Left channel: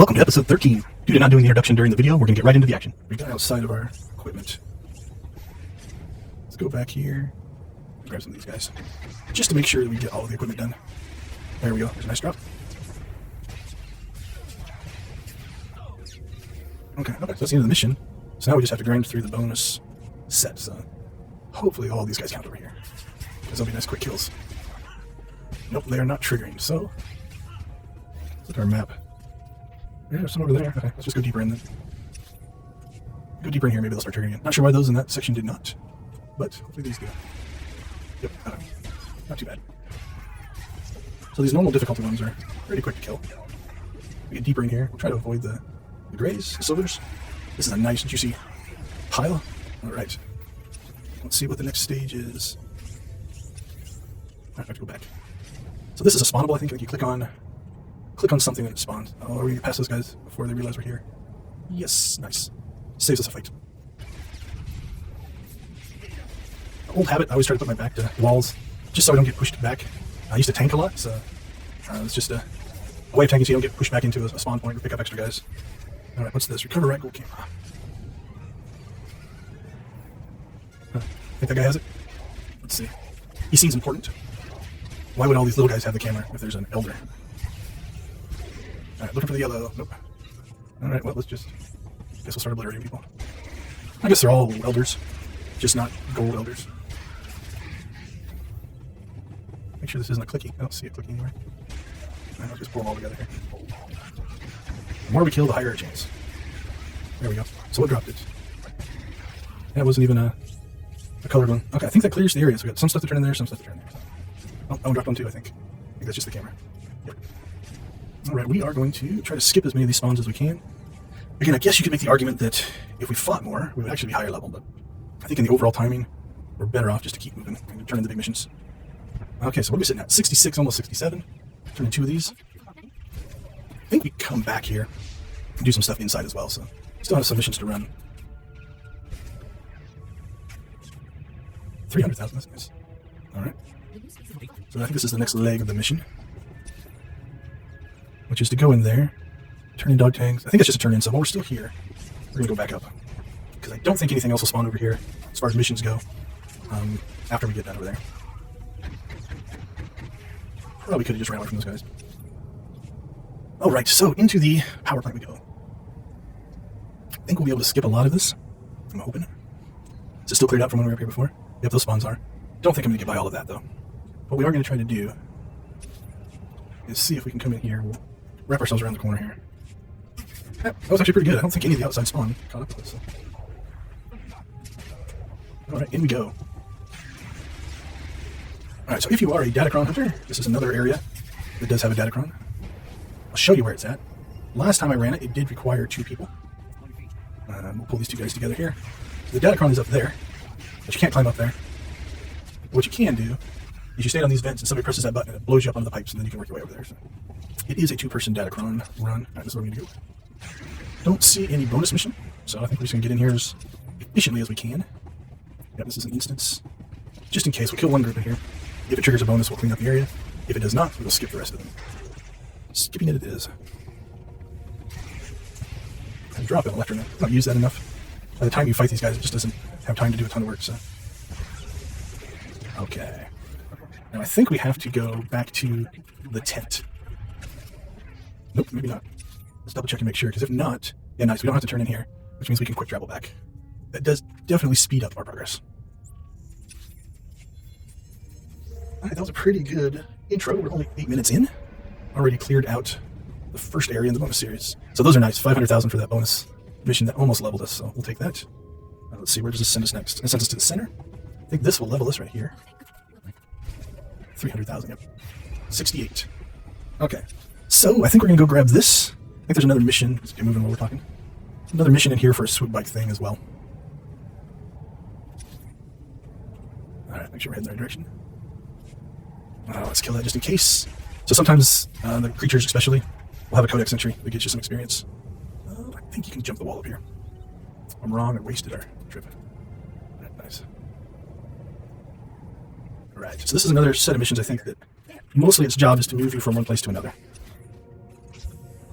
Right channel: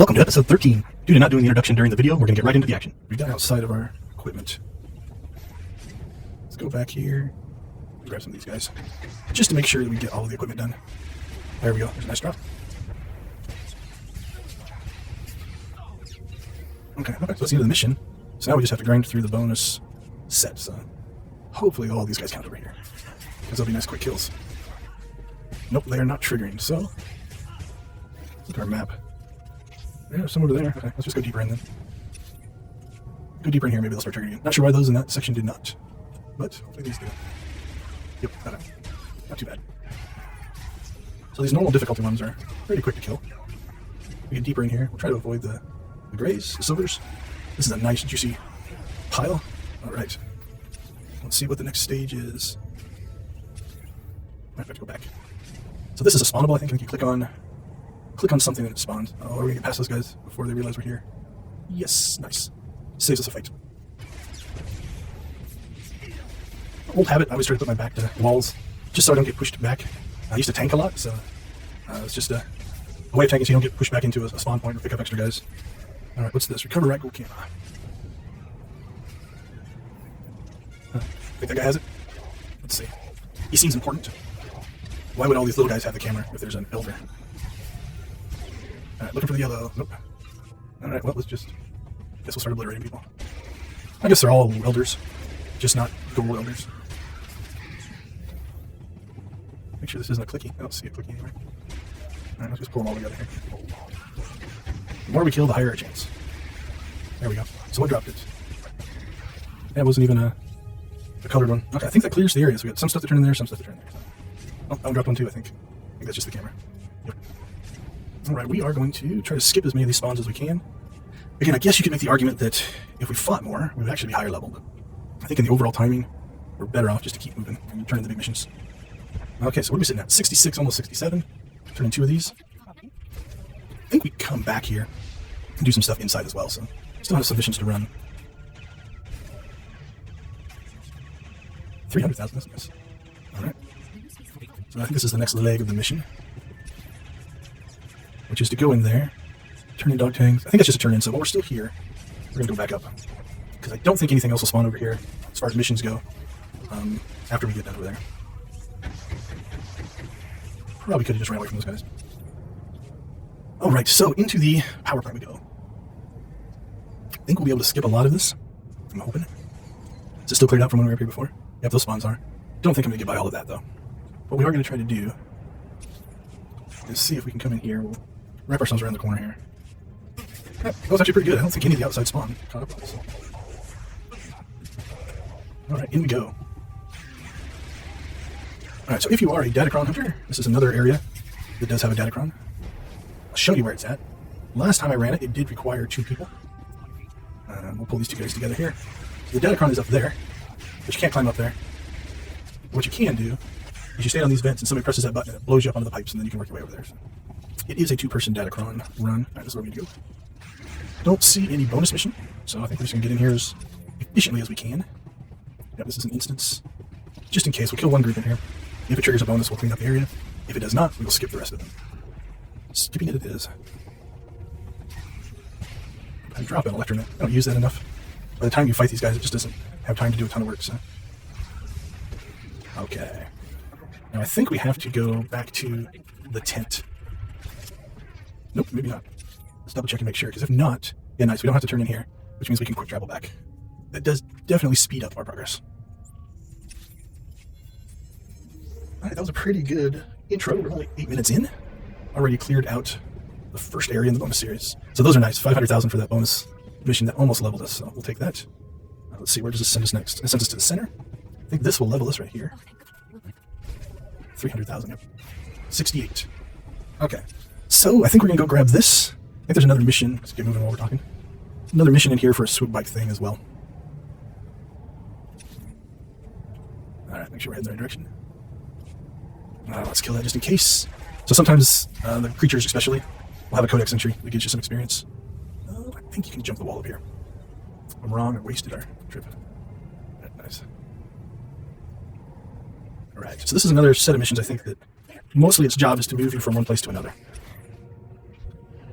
Welcome to episode 13. Due to not doing the introduction during the video, we're going to get right into the action. We got outside of our equipment. Let's go back here. Grab some of these guys. Just to make sure that we get all of the equipment done. There we go. There's a nice drop. Okay, so that's the end of the mission. So now we just have to grind through the bonus set. So hopefully all of these guys count over here, because they'll be nice quick kills. Nope, they are not triggering. So look at our map. There's some over there. Okay, let's just go deeper in then. Go deeper in here, maybe they'll start triggering again. Not sure why those in that section did not, but hopefully these do. Yep, okay. Not too bad. So these normal difficulty ones are pretty quick to kill. We get deeper in here, we'll try to avoid the grays, the silvers. This is a nice, juicy pile. Alright. Let's see what the next stage is. I have to go back. So this is a spawnable, I think. You click on something and it spawns. Oh, we're going to pass those guys before they realize we're here. Yes, nice. Saves us a fight. Old habit, I always try to put my back to walls, just so I don't get pushed back. I used to tank a lot, so it's just a way of tanking so you don't get pushed back into a spawn point or pick up extra guys. Alright, what's this? Recover rifle camera. Think that guy has it? Let's see. EC is important. Why would all these little guys have the camera if there's an elder? Alright, looking for the yellow. Oh. Alright, well, guess we'll start obliterating people. I guess they're all welders, just not gold welders. Make sure this isn't a clicky. I don't see a clicky anywhere. I'll just pull them all together here. The more we kill, the higher our chance. There we go. So what dropped it? That wasn't even a colored one. Okay, I think that clears the area. So we got some stuff to turn in there, some stuff to turn in there. Oh, that one dropped one too, I think. I think that's just the camera. Yep. Alright, we are going to try to skip as many of these spawns as we can. Again, I guess you could make the argument that if we fought more, we would actually be higher level, but I think in the overall timing, we're better off just to keep moving and turning the big missions. Okay, so what are we sitting at? 66, almost 67. Turn in 2 of these. I think we come back here and do some stuff inside as well, so still have some missions to run. 300,000, that's nice. Alright. So I think this is the next leg of the mission, which is to go in there, turn in dog tags. I think that's just a turn in, so we're still here. We're going to go back up, because I don't think anything else will spawn over here as far as missions go after we get that over there. Probably could have just ran away from those guys. Alright, so into the power plant we go. I think we'll be able to skip a lot of this. I'm hoping. Is it still cleared out from when we were up here before? Yep, those spawns are. Don't think I'm going to get by all of that, though. What we are going to try to do is see if we can come in here. We'll wrap ourselves around the corner here. Yeah, that was actually pretty good. I don't think any of the outside spawn caught up on this. Alright, in we go. Alright, so if you are a Datacron hunter, this is another area that does have a Datacron. I'll show you where it's at. Last time I ran it, it did require 2 people. We'll pull these 2 guys together here. The Datacron is up there, but you can't climb up there. What you can do is you stand on these vents and somebody presses that button and it blows you up onto the pipes and then you can work your way over there. So it is a 2-person Datacron run. Alright, that's where we need to go. Don't see any bonus mission, so I think we're just going to get in here as efficiently as we can. Yeah, this is an instance. Just in case, we'll kill one group in here. If it triggers a bonus, we'll clean up the area. If it does not, we'll skip the rest of them. Skipping it is. I drop an electro. I don't use that enough. By the time you fight these guys, it just doesn't have time to do a ton of work, so. Okay. Now I think we have to go back to the tent. Nope, maybe not. Let's double check and make sure, because if not, yeah, nice, we don't have to turn in here, which means we can quick travel back. That does definitely speed up our progress. Alright, that was a pretty good intro. We're only 8 minutes in. Already cleared out the first area in the bonus series. So those are nice. 500,000 for that bonus mission that almost leveled us, so we'll take that. Let's see, where does this send us next? It sends us to the center. I think this will level us right here. 300,000. 68. Okay. So I think we're going to go grab this. I think there's another mission. Let's get moving while we're talking. Another mission in here for a swoop bike thing as well. Alright, make sure we're heading the right direction. Let's kill that just in case. So sometimes the creatures especially will have a codex entry that gives you some experience. I think you can jump the wall up here. If I'm wrong, I wasted our trip. Right, nice. Alright, so this is another set of missions I think that mostly its job is to move you from one place to another.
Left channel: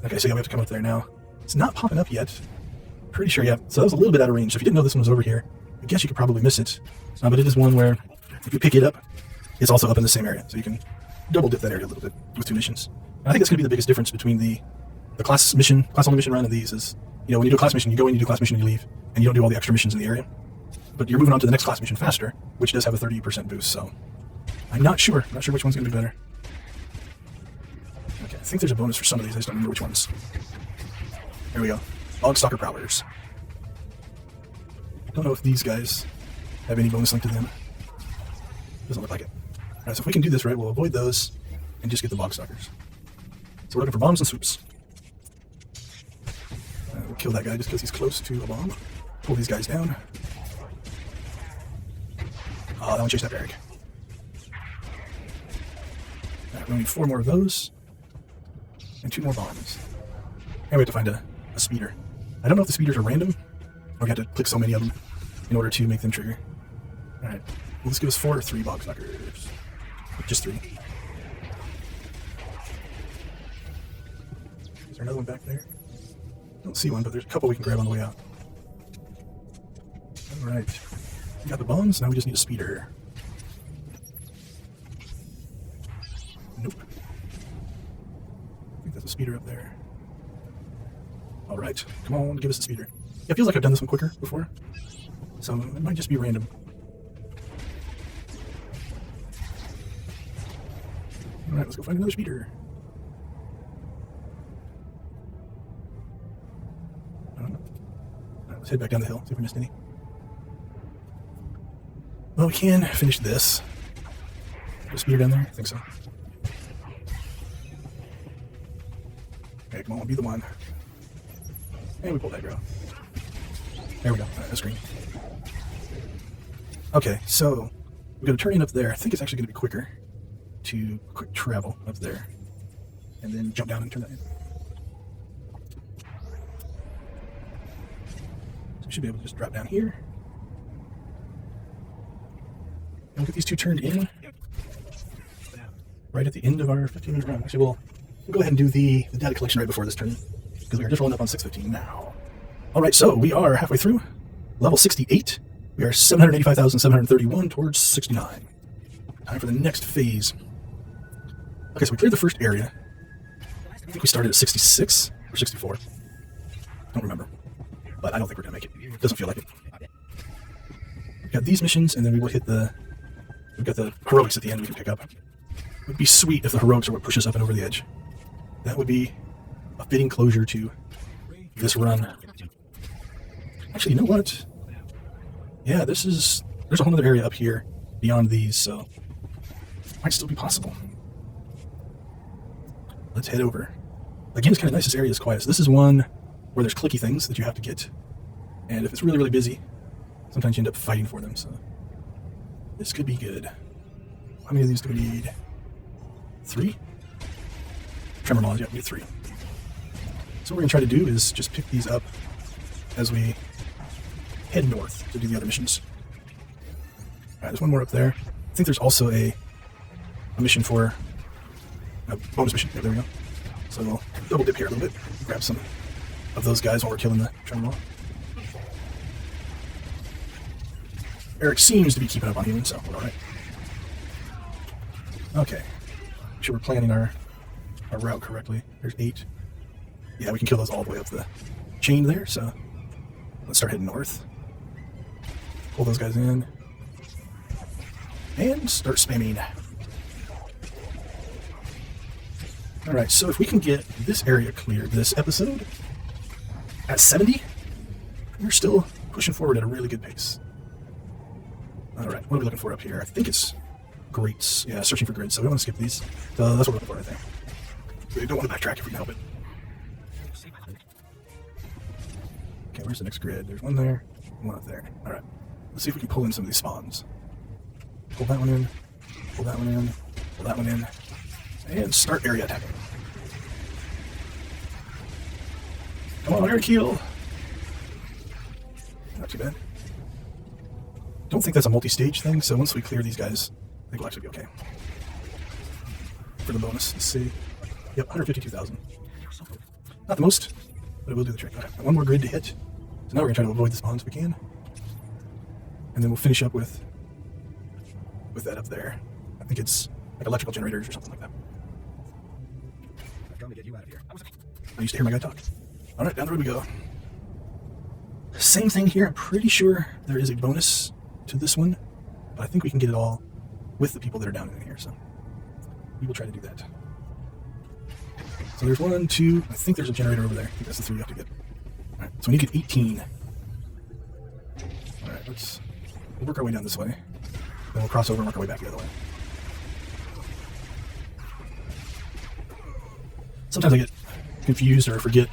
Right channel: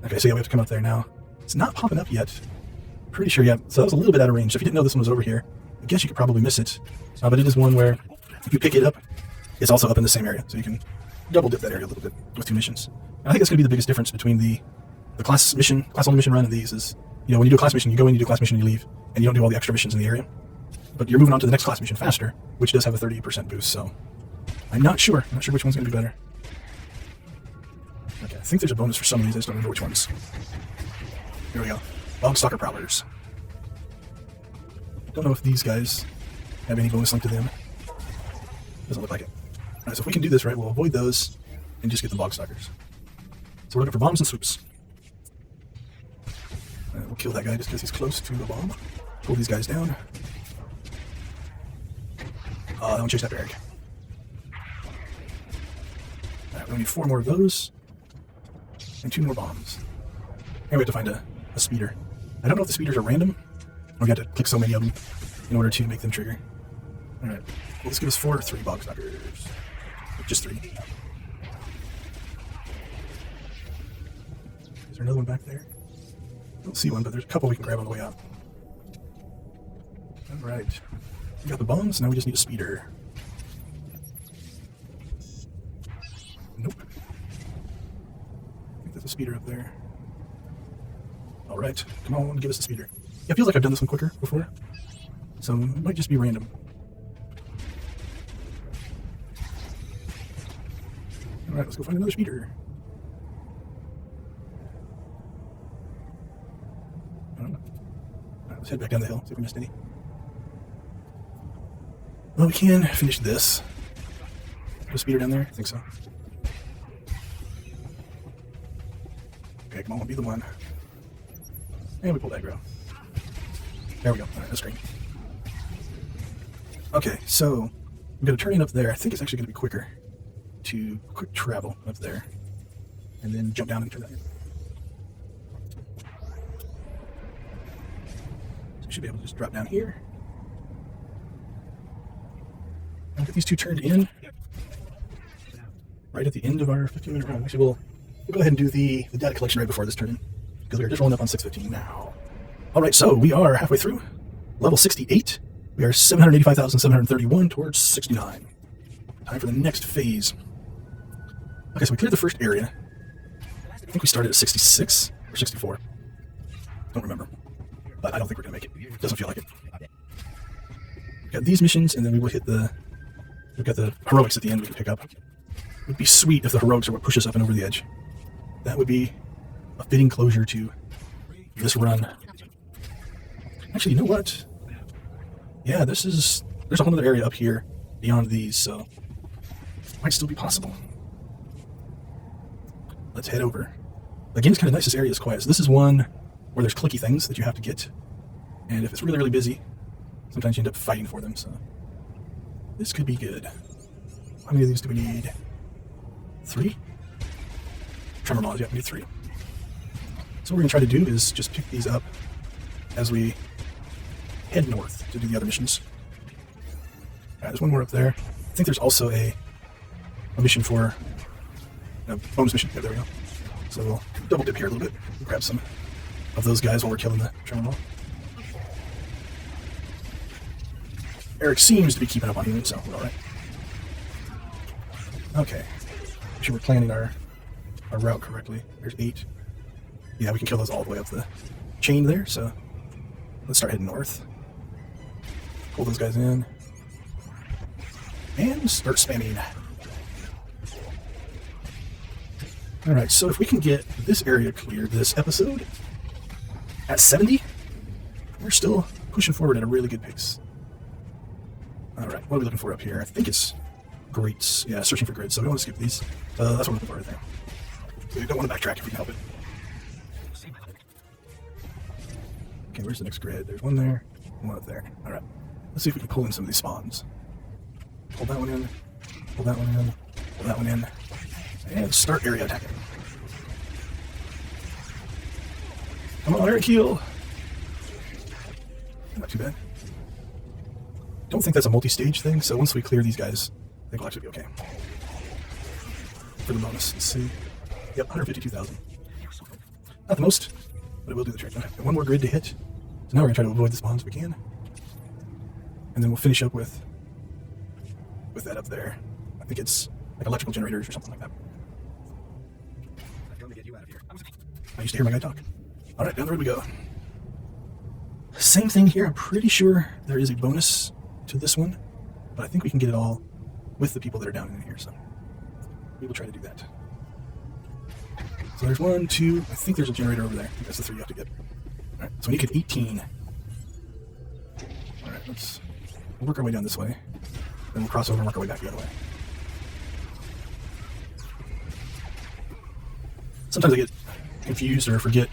Okay, so yeah, we have to come up there now. It's not popping up yet. Pretty sure, yeah. So that was a little bit out of range. So if you didn't know this one was over here, I guess you could probably miss it. But it is one where if you pick it up, it's also up in the same area. So you can double dip that area a little bit with 2 missions. And I think that's going to be the biggest difference between the class only mission run and these is, when you do a class mission, you go in, you do a class mission, and you leave, and you don't do all the extra missions in the area. But you're moving on to the next class mission faster, which does have a 30% boost, so I'm not sure. I'm not sure which one's going to be better. Okay, I think there's a bonus for some of these, I just don't remember which ones. Here we go. Log Stalker Prowlers. Don't know if these guys have any bonus link to them. Doesn't look like it. Alright, so if we can do this right, we'll avoid those and just get the Bog Stalkers. So we're looking for bombs and swoops. And we'll kill that guy just because he's close to a bomb. Pull these guys down. Oh, that one chased up Eric. Alright, we need 4 more of those. And 2 more bombs. And we have to find a speeder. I don't know if the speeders are random. We got to click so many of them in order to make them trigger. Alright. Well, this gives us 4 or 3 Bog Stalkers. Just 3. Is there another one back there? Don't see one, but there's a couple we can grab on the way out. Alright. Got the bombs, now we just need a speeder. Nope. I think there's a speeder up there. Alright, come on, give us the speeder. Yeah, it feels like I've done this one quicker before, so it might just be random. Alright, let's go find another speeder. Alright, let's head back down the hill, see if we missed any. Well, we can finish this. Is a speeder down there? I think so. Okay, come on, be the one. And we pull that aggro. There we go. Alright, no screen. Okay, so we're going to turn in up there. I think it's actually going to be quicker to quick travel up there. And then jump down and turn that in. So we should be able to just drop down here. We'll get these 2 turned in right at the end of our 15-minute run. Actually, we'll go ahead and do the data collection right before this turn in, because we're just rolling up on 615 now. Alright, so we are halfway through. Level 68. We are 785,731 towards 69. Time for the next phase. Okay, so we cleared the first area. I think we started at 66 or 64. Don't remember. But I don't think we're going to make it. It doesn't feel like it. We've got these missions, and then we'll hit we've got the heroics at the end we can pick up. It would be sweet if the heroics are what push us up and over the edge. That would be a fitting closure to this run. Actually, you know what? Yeah, there's a whole other area up here beyond these, so it might still be possible. Let's head over. The game's kind of nice, this area is quiet. So this is one where there's clicky things that you have to get. And if it's really, really busy, sometimes you end up fighting for them, so this could be good. How many of these do we need? 3? Tremor mods, yeah, we need 3. So what we're going to try to do is just pick these up as we head north to do the other missions. Alright, there's one more up there. I think there's also a mission for a bonus mission. Yeah, there we go. So we'll double dip here a little bit. Grab some of those guys while we're killing the tremor wall. Eric seems to be keeping up on healing, so we're alright. Okay. Make sure we're planning our route correctly. There's 8. Yeah, we can kill those all the way up the chain there, so let's start heading north. Pull those guys in. And start spamming. Alright, so if we can get this area cleared this episode at 70, we're still pushing forward at a really good pace. Alright, what are we looking for up here? I think it's grids. Yeah, searching for grids, so we want to skip these. So that's what we're looking for right there. We don't want to backtrack if we can help it. Okay, where's the next grid? There's one there, one up there. Alright, let's see if we can pull in some of these spawns. Pull that one in, pull that one in, pull that one in, and start area attacking. Come on, Eric, heal! Not too bad. Don't think that's a multi-stage thing, so once we clear these guys, I think we'll actually be okay. For the bonus, let's see. Yep, 152,000. Not the most, but I will do the trick. One more grid to hit. So now we're going to try to avoid the spawns if we can. And then we'll finish up with that up there. I think it's like electrical generators or something like that. I've come to get you out of here. I used to hear my guy talk. Alright, down the road we go. Same thing here. I'm pretty sure there is a bonus to this one, but I think we can get it all with the people that are down in here, so we will try to do that. So there's 1, 2, I think there's a generator over there. That's the 3 you have to get. Alright, so we need to get 18. Alright, let's work our way down this way. Then we'll cross over and work our way back the other way. Sometimes I get confused or forget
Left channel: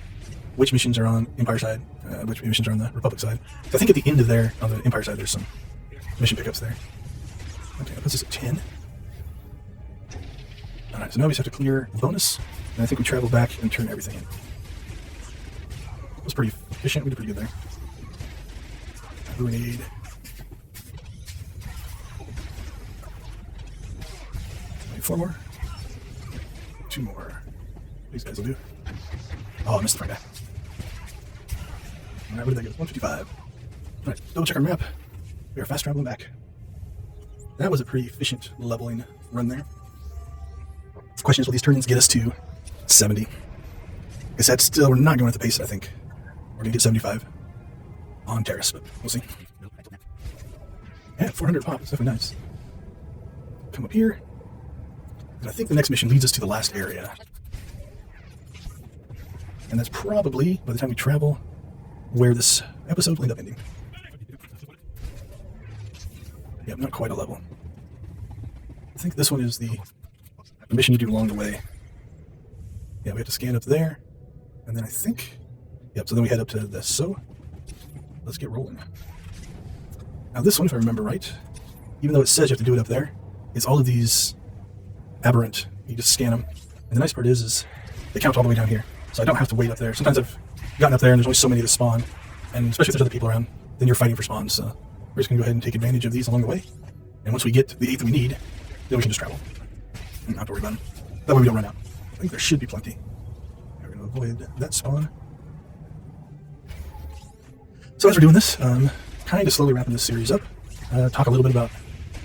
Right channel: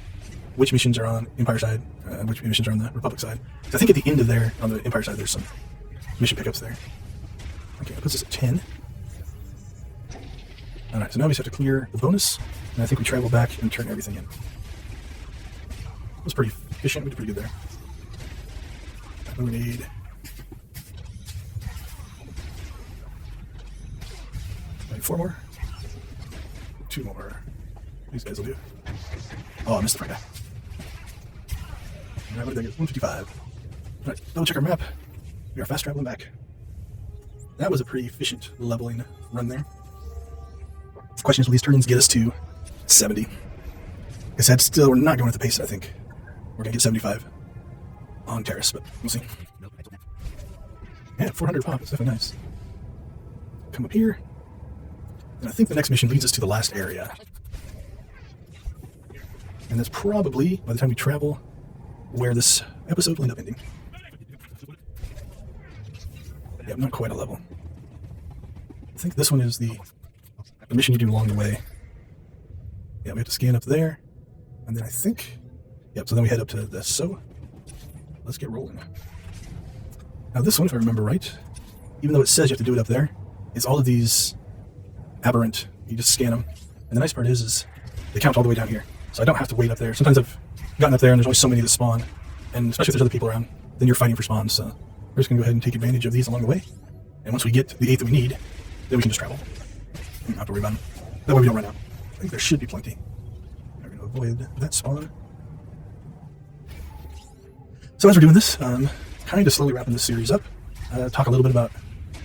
which missions are on Empire side, which missions are on the Republic side. I think at the end of there, on the Empire side, there's some mission pickups there. Okay, this is at 10. Alright, so now we just have to clear the bonus, and I think we travel back and turn everything in. It was pretty efficient, we did pretty good there. And we need 4 more. 2 more. These guys will do. Oh, I missed the front guy. Alright, what do you think? It's 155. Alright, double check our map. We are fast traveling back. That was a pretty efficient leveling run there. The question is, will these turns get us to 70? Like I said, still, we're not going at the pace that I think we're going to get 75 on Terrace, but we'll see. Yeah, 400 pop, that's definitely nice. Come up here. And I think the next mission leads us to the last area. And that's probably, by the time we travel, where this episode will end up ending. Yep, not quite a level. I think this one is the mission you do along the way. Yeah, we have to scan up there. And then I think, yep, so then we head up to this. So, let's get rolling. Now this one, if I remember right, even though it says you have to do it up there, is all of these aberrant. You just scan them. And the nice part is they count all the way down here. So I don't have to wait up there. Sometimes I've gotten up there and there's only so many that spawn. And especially if there's other people around, then you're fighting for spawns. So we're just going to go ahead and take advantage of these along the way. And once we get the 8 that we need, then we can just travel. You don't have to worry about them. That way we don't run out. I think there should be plenty. We're going to avoid that spawn. So as we're doing this, kind of slowly wrapping this series up, talk a little bit about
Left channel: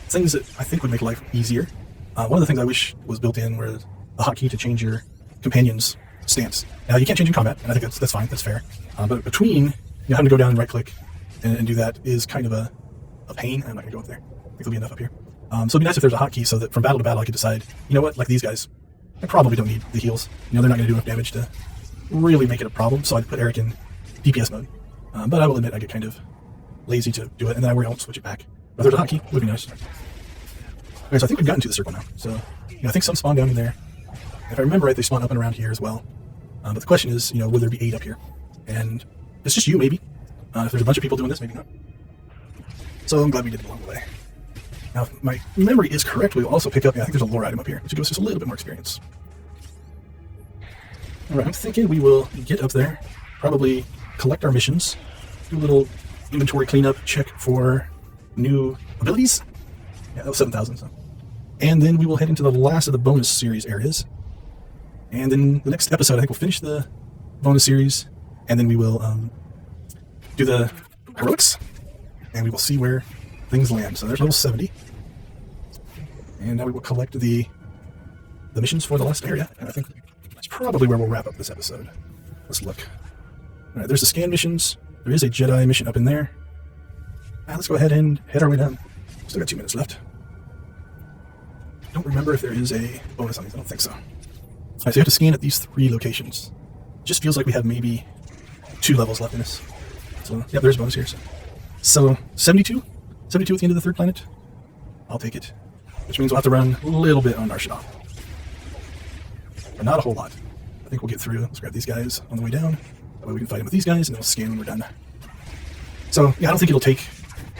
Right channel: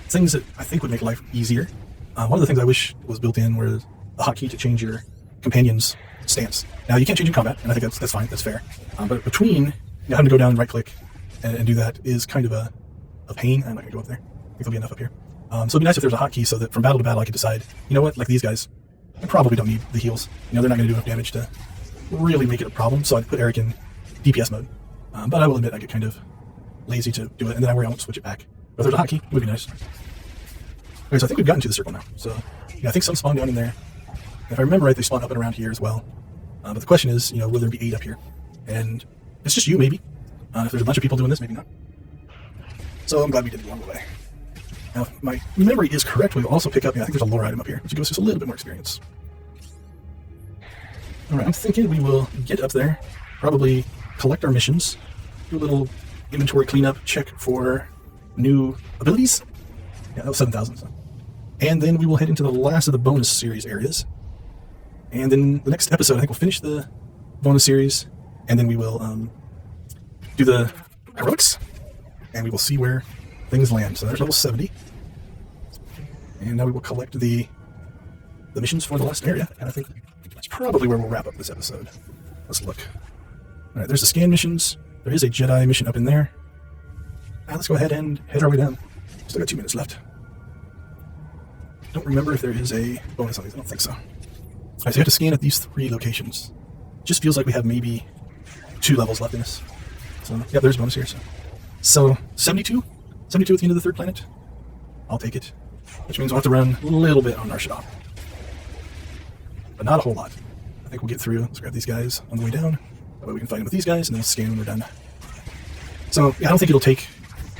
things that I think would make life easier. One of the things I wish was built in was a hotkey to change your companion's stance. Now you can't change in combat, and I think that's fine, that's fair. But between having to go down and right click and do that is kind of a pain. I'm not going to go up there. I think there'll be enough up here. So it'd be nice if there's a hotkey so that from battle to battle I could decide, you know what, like these guys, I probably don't need the heals. They're not going to do enough damage to really make it a problem, so I'd put Eric in DPS mode. But I will admit I get kind of lazy to do it, and then I worry I'll switch it back. But if there's a hotkey, it would be nice. Okay, so I think we've gotten to the circle now. So I think some spawn down in there. If I remember right, they spawn up and around here as well. But the question is, will there be 8 up here? And it's just you, maybe. If there's a bunch of people doing this, maybe not. So I'm glad we did it along the way. Now, if my memory is correct, we will also pick up, I think there's a lore item up here, which gives us just a little bit more experience. Alright, I'm thinking we will get up there, probably collect our missions, do a little inventory cleanup, check for new abilities. Yeah, that was 7,000, so. And then we will head into the last of the bonus series areas. And then the next episode, I think we'll finish the bonus series, and then we will do the heroics, and we will see where things land. So there's level 70. And now we will collect the missions for the last area. And I think that's probably where we'll wrap up this episode. Let's look. Alright, there's the scan missions. There is a Jedi mission up in there. Now let's go ahead and head our way down. Still got 2 minutes left. Don't remember if there is a bonus on these. I don't think so. Alright, so you have to scan at these 3 locations. Just feels like we have maybe 2 levels left in this. So, yeah, there's bonus here. So 72? 72 at the end of the 3rd planet? I'll take it. Which means we'll have to run a little bit on our SWTOR. But not a whole lot. I think we'll get through. Let's grab these guys on the way down. That way we can fight them with these guys, and then we'll scan when we're done. So, yeah, I don't think it'll take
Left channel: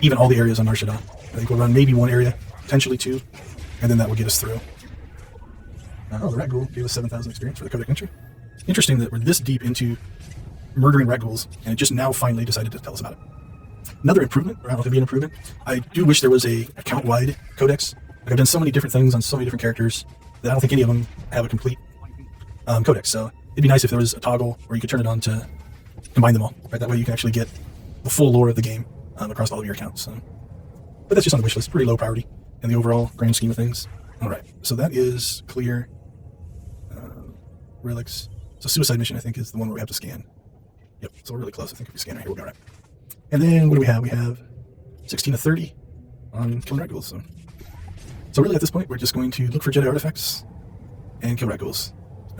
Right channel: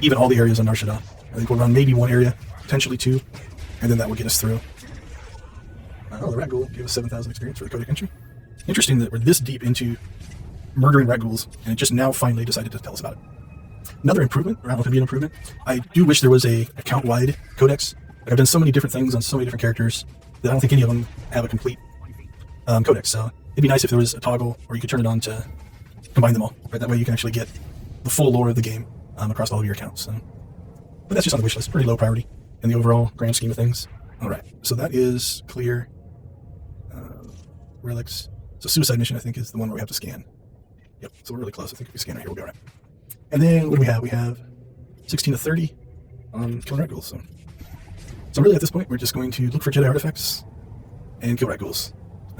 even all the areas on our SWTOR. I think we'll run maybe 1 area, potentially 2, and then that will get us through. Ragul gave us 7,000 experience for the codec entry. Interesting that we're this deep into murdering Raguls, and it just now finally decided to tell us about it. Another improvement, or I don't know if it'd be an improvement, I do wish there was a account-wide codex. Like I've done so many different things on so many different characters that I don't think any of them have a complete codex. So it'd be nice if there was a toggle where you could turn it on to combine them all, right? That way you can actually get the full lore of the game across all of your accounts. So. But that's just on the wish list, pretty low priority in the overall grand scheme of things. All right, so that is clear. Relics. So Suicide Mission, I think, is the one where we have to scan. Yep, so we're really close. I think if we scan right here, we'll be all right. And then what do we have? We have 16 to 30 on killing rat ghouls. So really at this point, we're just going to look for Jedi artifacts and kill rat ghouls.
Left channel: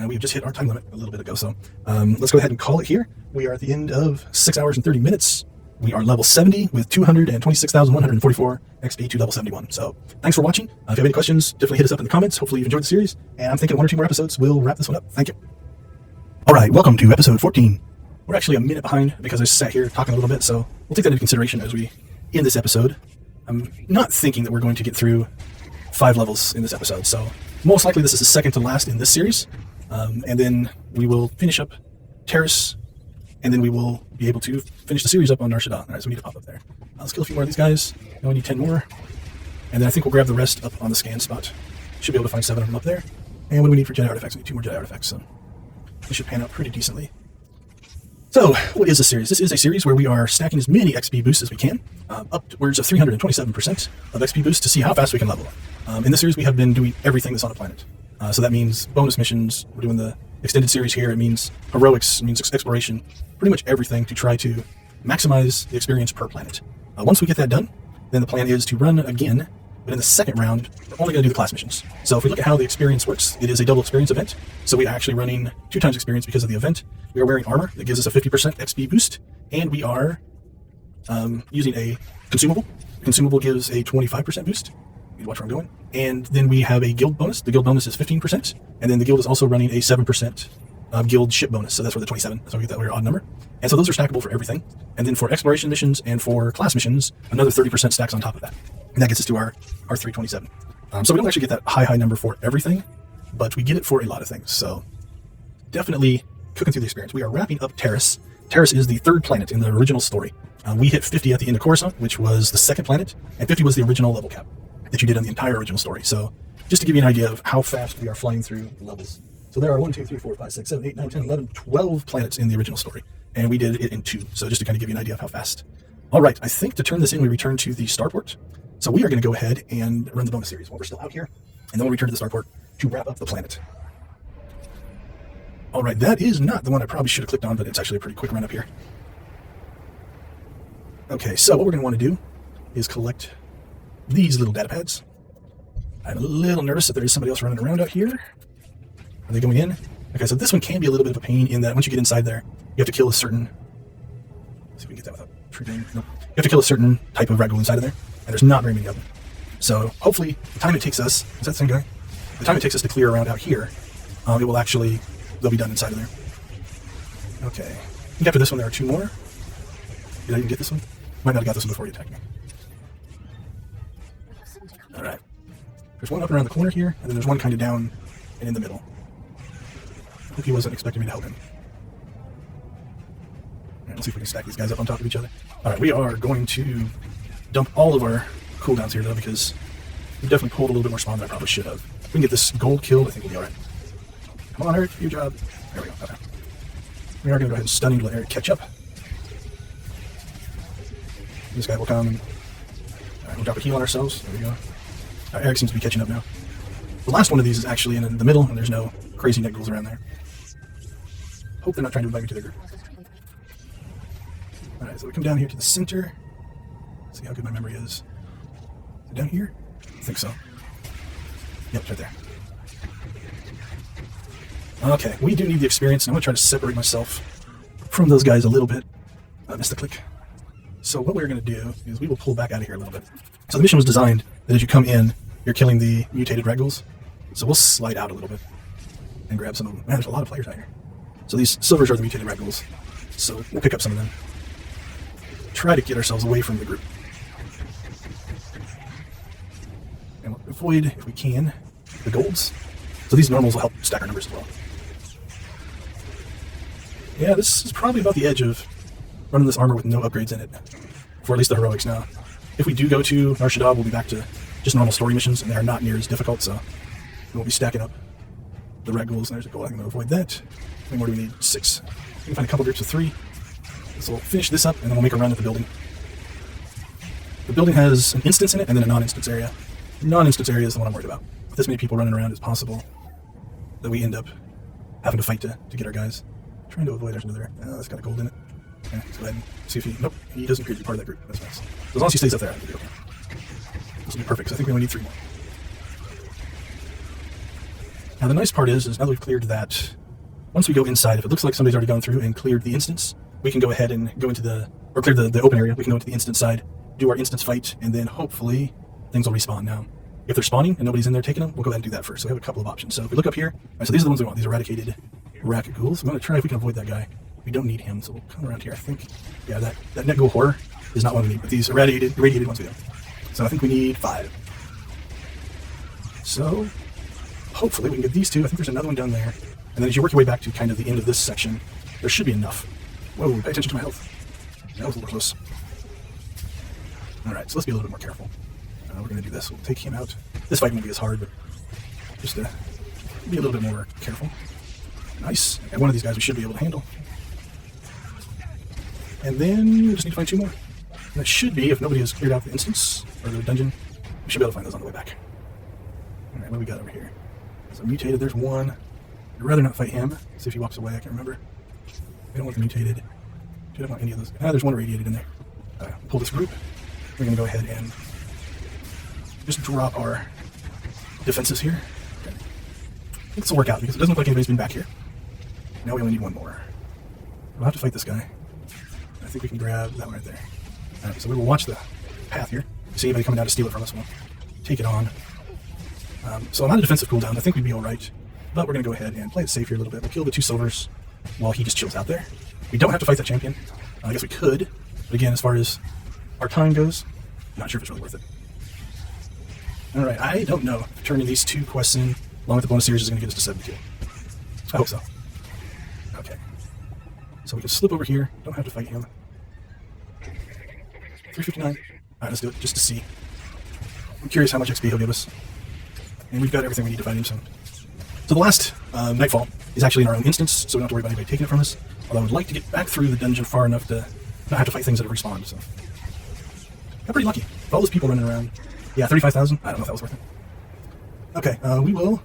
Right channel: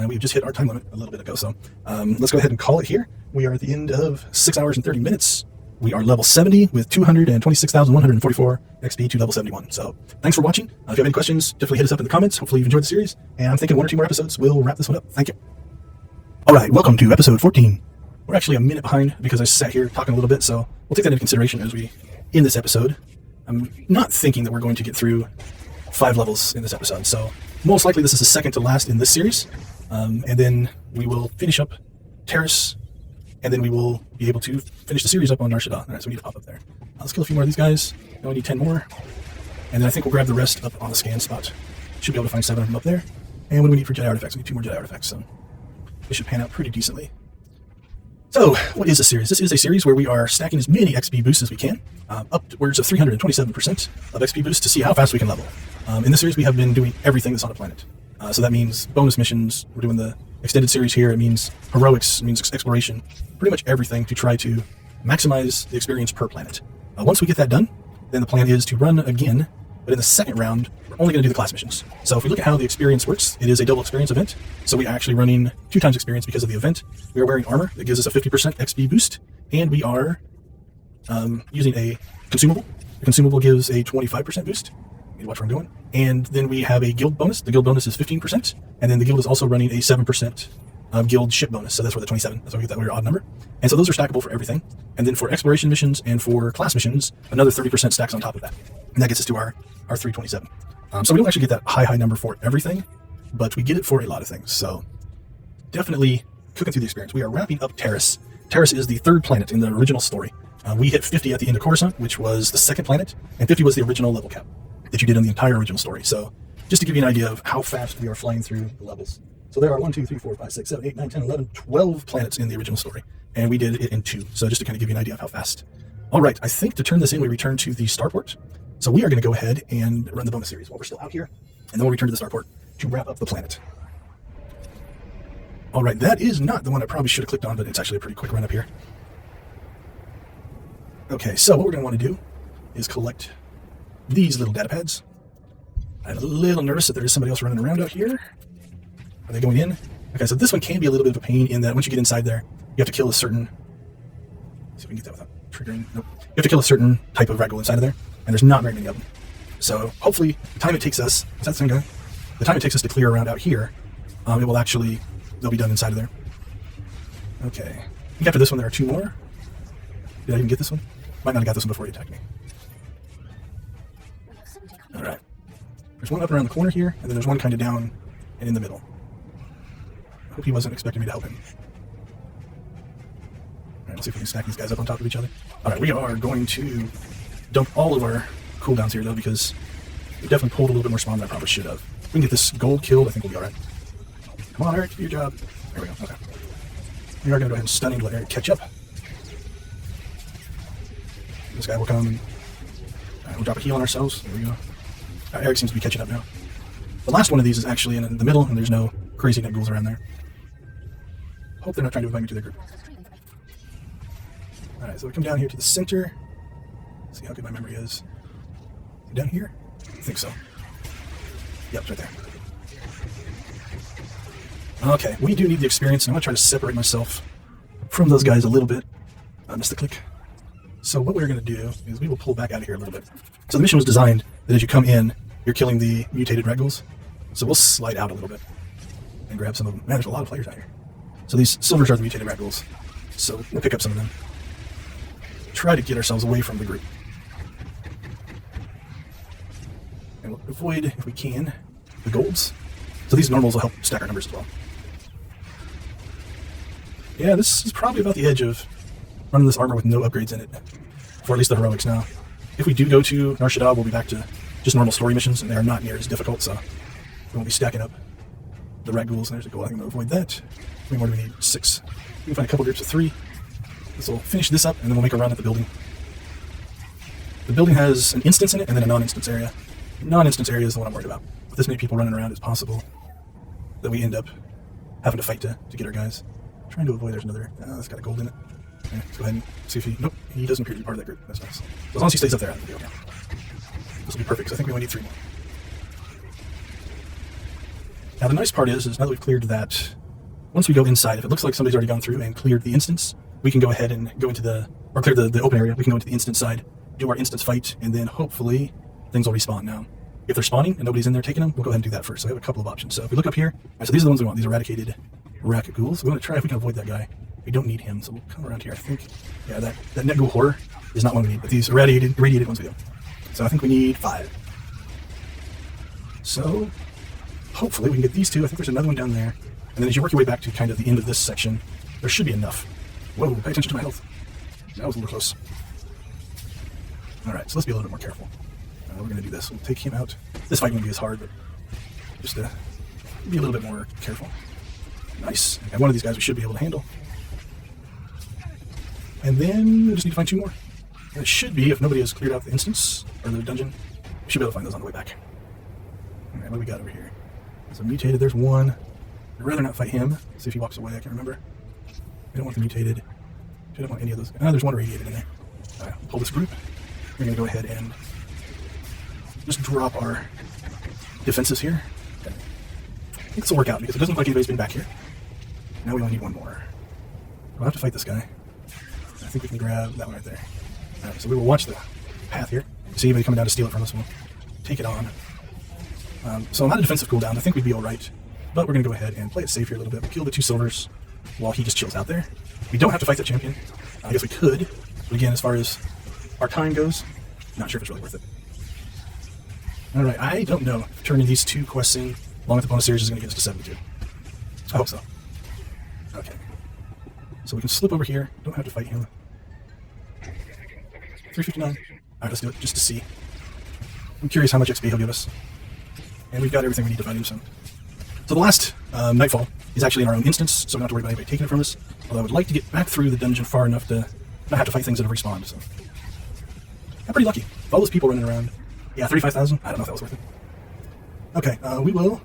We just hit our time limit a little bit ago, so let's go ahead and call it here. We are at the end of 6 hours and 30 minutes. We are level 70 with 226,144 XP to level 71. So thanks for watching. If you have any questions, definitely hit us up in the comments. Hopefully you've enjoyed the series. And I'm thinking 1 or 2 more episodes will wrap this one up. Thank you. All right, welcome to episode 14. We're actually a minute behind because I sat here talking a little bit, so we'll take that into consideration as we end this episode. I'm not thinking that we're going to get through 5 levels in this episode, so most likely this is the second to last in this series. And then we will finish up Terrace, and then we will be able to finish the series up on Nar Shaddaa. All right, so we need to pop up there. Let's kill a few more of these guys. Then we need 10 more. And then I think we'll grab the rest up on the scan spot. Should be able to find 7 of them up there. And what do we need for Jedi artifacts? We need 2 more Jedi artifacts, so this should pan out pretty decently. So, what is this series? This is a series where we are stacking as many XP boosts as we can, upwards of 327% of XP boosts to see how fast we can level. In this series, we have been doing everything that's on the planet. So that means bonus missions. We're doing the extended series here. It means heroics. It means exploration. Pretty much everything to try to maximize the experience per planet. Once we get that done, then the plan is to run again, but in the second round, we're only going to do the class missions. So if we look at how the experience works, it is a double experience event. So we are actually running 2 times experience because of the event. We are wearing armor that gives us a 50% XP boost, and we are using a consumable. The consumable gives a 25% boost. Watch what I'm doing. And then we have a guild bonus. The guild bonus is 15%, and then the guild is also running a 7% guild ship bonus, so that's where the 27, that's why we get that weird odd number. And so those are stackable for everything. And then for exploration missions and for class missions, another 30% stacks on top of that. And that gets us to our 327. So we don't actually get that high number for everything, but we get it for a lot of things. So definitely cooking through the experience. We are wrapping up Terrace. Terrace is the 3rd planet in the original story. We hit 50 at the end of Coruscant, which was the 2nd planet, and 50 was the original level cap that you did on the entire original story. So just to give you an idea of how fast we are flying through the levels. So there are 1, 2, 3, 4, 5, 6, 7, 8, 9, 10, 11, 12 planets in the original story. And we did it in 2. So just to kind of give you an idea of how fast. All right, I think to turn this in, we return to the starport. So we are going to go ahead and run the bonus series while we're still out here. And then we'll return to the starport to wrap up the planet. All right, that is not the one I probably should have clicked on, but it's actually a pretty quick run up here. Okay, so what we're going to want to do is collect these little data pads. I'm a little nervous that there is somebody else running around out here. Are they going in? Okay, so this one can be a little bit of a pain in that once you get inside there, you have to kill a certain... Let's see if we can get that without triggering. Nope. You have to kill a certain type of rat ghoul inside of there, and there's not very many of them. So hopefully, the time it takes us... Is that thing going? The time it takes us to clear around out here, it will actually... They'll be done inside of there. Okay. I think after this one, there are 2 more. Did I even get this one? Might not have got this one before you attacked me. Alright. There's one up around the corner here, and then there's one kind of down and in the middle. I hope he wasn't expecting me to help him. Let's see if we can stack these guys up on top of each other. Alright, we are going to dump all of our cooldowns here, though, because we definitely pulled a little bit more spawn than I probably should have. If we can get this gold killed, I think we'll be alright. Come on, Eric, do your job. There we go. Okay. We are going to go ahead and stunning glare to catch up. This guy will come and drop a heal on ourselves. There we go. Eric seems to be catching up now. The last one of these is actually in the middle, and there's no crazy net ghouls around there. Hope they're not trying to invite me to the group. Alright, so we come down here to the center. See how good my memory is. Is it down here? I think so. Yep, it's right there. Okay, we do need the experience. I'm going to try to separate myself from those guys a little bit. I missed the click. So what we're going to do is we will pull back out of here a little bit. So the mission was designed that as you come in, you're killing the mutated rat ghouls. So we'll slide out a little bit and grab some of them. Man, there's a lot of players out here. So these silvers are the mutated rat ghouls. So we'll pick up some of them. Try to get ourselves away from the group. And we'll avoid, if we can, the golds. So these normals will help stack our numbers as well. Yeah, this is probably about the edge of running this armor with no upgrades in it. For at least the heroics now. If we do go to Nar Shaddaa, we'll be back to just normal story missions, and they are not near as difficult, so we'll be stacking up the rat ghouls. There's a goal. I'm going to avoid that. many more do we need? 6. We can find a couple groups of 3. So we'll finish this up, and then we'll make a run at the building. The building has an instance in it, and then a non-instance area. Non-instance area is the one I'm worried about. With this many people running around, it's possible that we end up having to fight to get our guys. Trying to avoid, there's another, that's kind of cold in it. Okay, let's go ahead and see if he, nope, he doesn't appear to be part of that group. That's nice. As long as he stays up there, I think we'll be okay. This will be perfect, because I think we only need 3 more. Now the nice part is now that we've cleared that, once we go inside, if it looks like somebody's already gone through and cleared the instance, we can go ahead and go into or clear the open area. We can go into the instance side, do our instance fight, and then hopefully things will respawn. Now, if they're spawning and nobody's in there taking them, we'll go ahead and do that first. So we have a couple of options. So if we look up here, so these are the ones we want, these eradicated racket ghouls. So I'm going to try if we can avoid that guy. We don't need him, so we'll come around here, I think. Yeah, that net ghoul horror is not one we need, but these irradiated ones we do. So I think we need 5. So hopefully we can get these 2. I think there's another one down there. And then as you work your way back to kind of the end of this section, there should be enough. Whoa, pay attention to my health. That was a little close. Alright, so let's be a little bit more careful. We're going to do this. We'll take him out. This fight won't be as hard, but just to be a little bit more careful. Nice. And one of these guys we should be able to handle. And then we just need to find 2 more. And it should be, if nobody has cleared out the instance, or the dungeon, we should be able to find those on the way back. Alright, what do we got over here? There's a mutated, there's one. I'd rather not fight him. See if he walks away, I can't remember. We don't want the mutated. I don't want any of those. There's one radiated in there. Alright, we'll pull this group. We're going to go ahead and just drop our defenses here. Okay. I think this will work out because it doesn't look like anybody's been back here. Now we only need 1 more. We'll have to fight this guy. I think we can grab that one right there. Alright, so we will watch the path here. See anybody coming down to steal it from us, we'll take it on. So I'm on a defensive cooldown. I think we'd be alright. But we're going to go ahead and play it safe here a little bit. We'll kill the 2 silvers while he just chills out there. We don't have to fight the champion. I guess we could. But again, as far as our time goes, not sure if it's really worth it. Alright, I don't know if turning these 2 quests in along with the bonus series is going to get us to 72. I hope so. Okay. So we can slip over here. Don't have to fight him. 359. Alright, let's do it just to see. I'm curious how much XP he'll give us. And we've got everything we need to fight him soon. So the last Nightfall is actually in our own instance, so we don't have to worry about anybody taking it from us. Although I would like to get back through the dungeon far enough to not have to fight things that have respawned. So I'm pretty lucky. All those people running around. Yeah, 35,000. I don't know if that was worth it. Okay, we will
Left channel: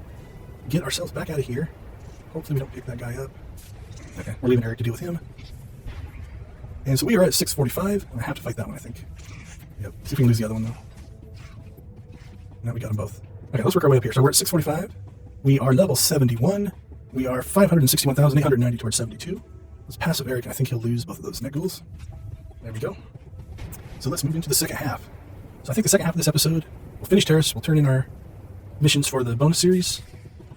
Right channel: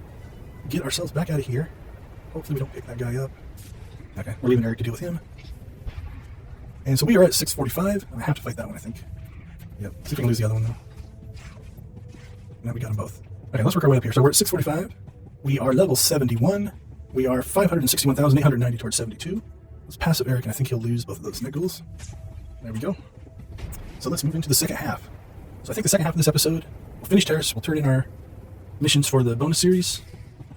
get ourselves back out of here. Hopefully we don't pick that guy up. Okay, we're leaving Eric to deal with him. And so we are at 645. I have to fight that one, I think. Yep. See if we can lose the other one though. Now we got them both. Okay, let's work our way up here. So we're at 645. We are level 71. We are 561,890 towards 72. Let's pass up Eric, and I think he'll lose both of those net ghouls. There we go. So let's move into the second half. So I think the second half of this episode, we'll finish Terrace, we'll turn in our missions for the bonus series.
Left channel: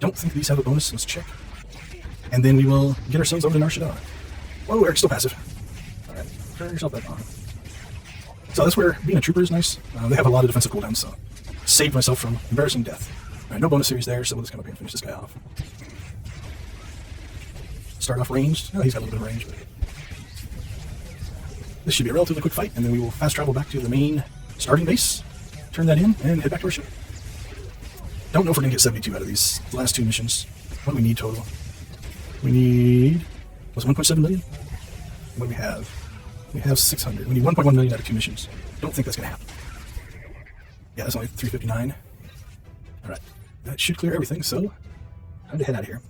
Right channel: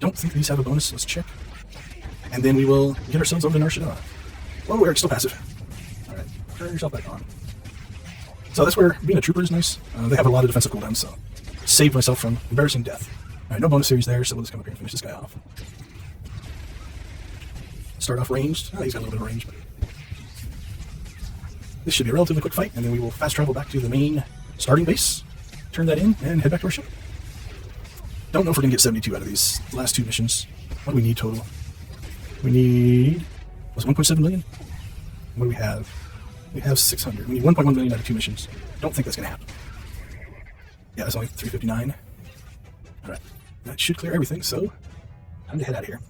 Don't think these have a bonus, let's check. And then we will get ourselves only Narshada. Well, Eric's still passive. Alright, turn yourself back on. So that's where being a trooper is nice. They have a lot of defensive cooldowns, so save myself from embarrassing death. Alright, no bonus series there, so we'll just come up here and finish this guy off. Start off ranged. Oh, he's got a little bit of range. But this should be a relatively quick fight, and then we will fast travel back to the main starting base, turn that in, and head back to our ship. Don't know if we're going to get 72 out of these last 2 missions. What do we need total? We need... was 1.7 million? What do we have? We have 600. We need 1.1 million out of 2 missions. Don't think that's going to happen. Yeah, that's only 359. Alright, that should clear everything, so time to head out of here.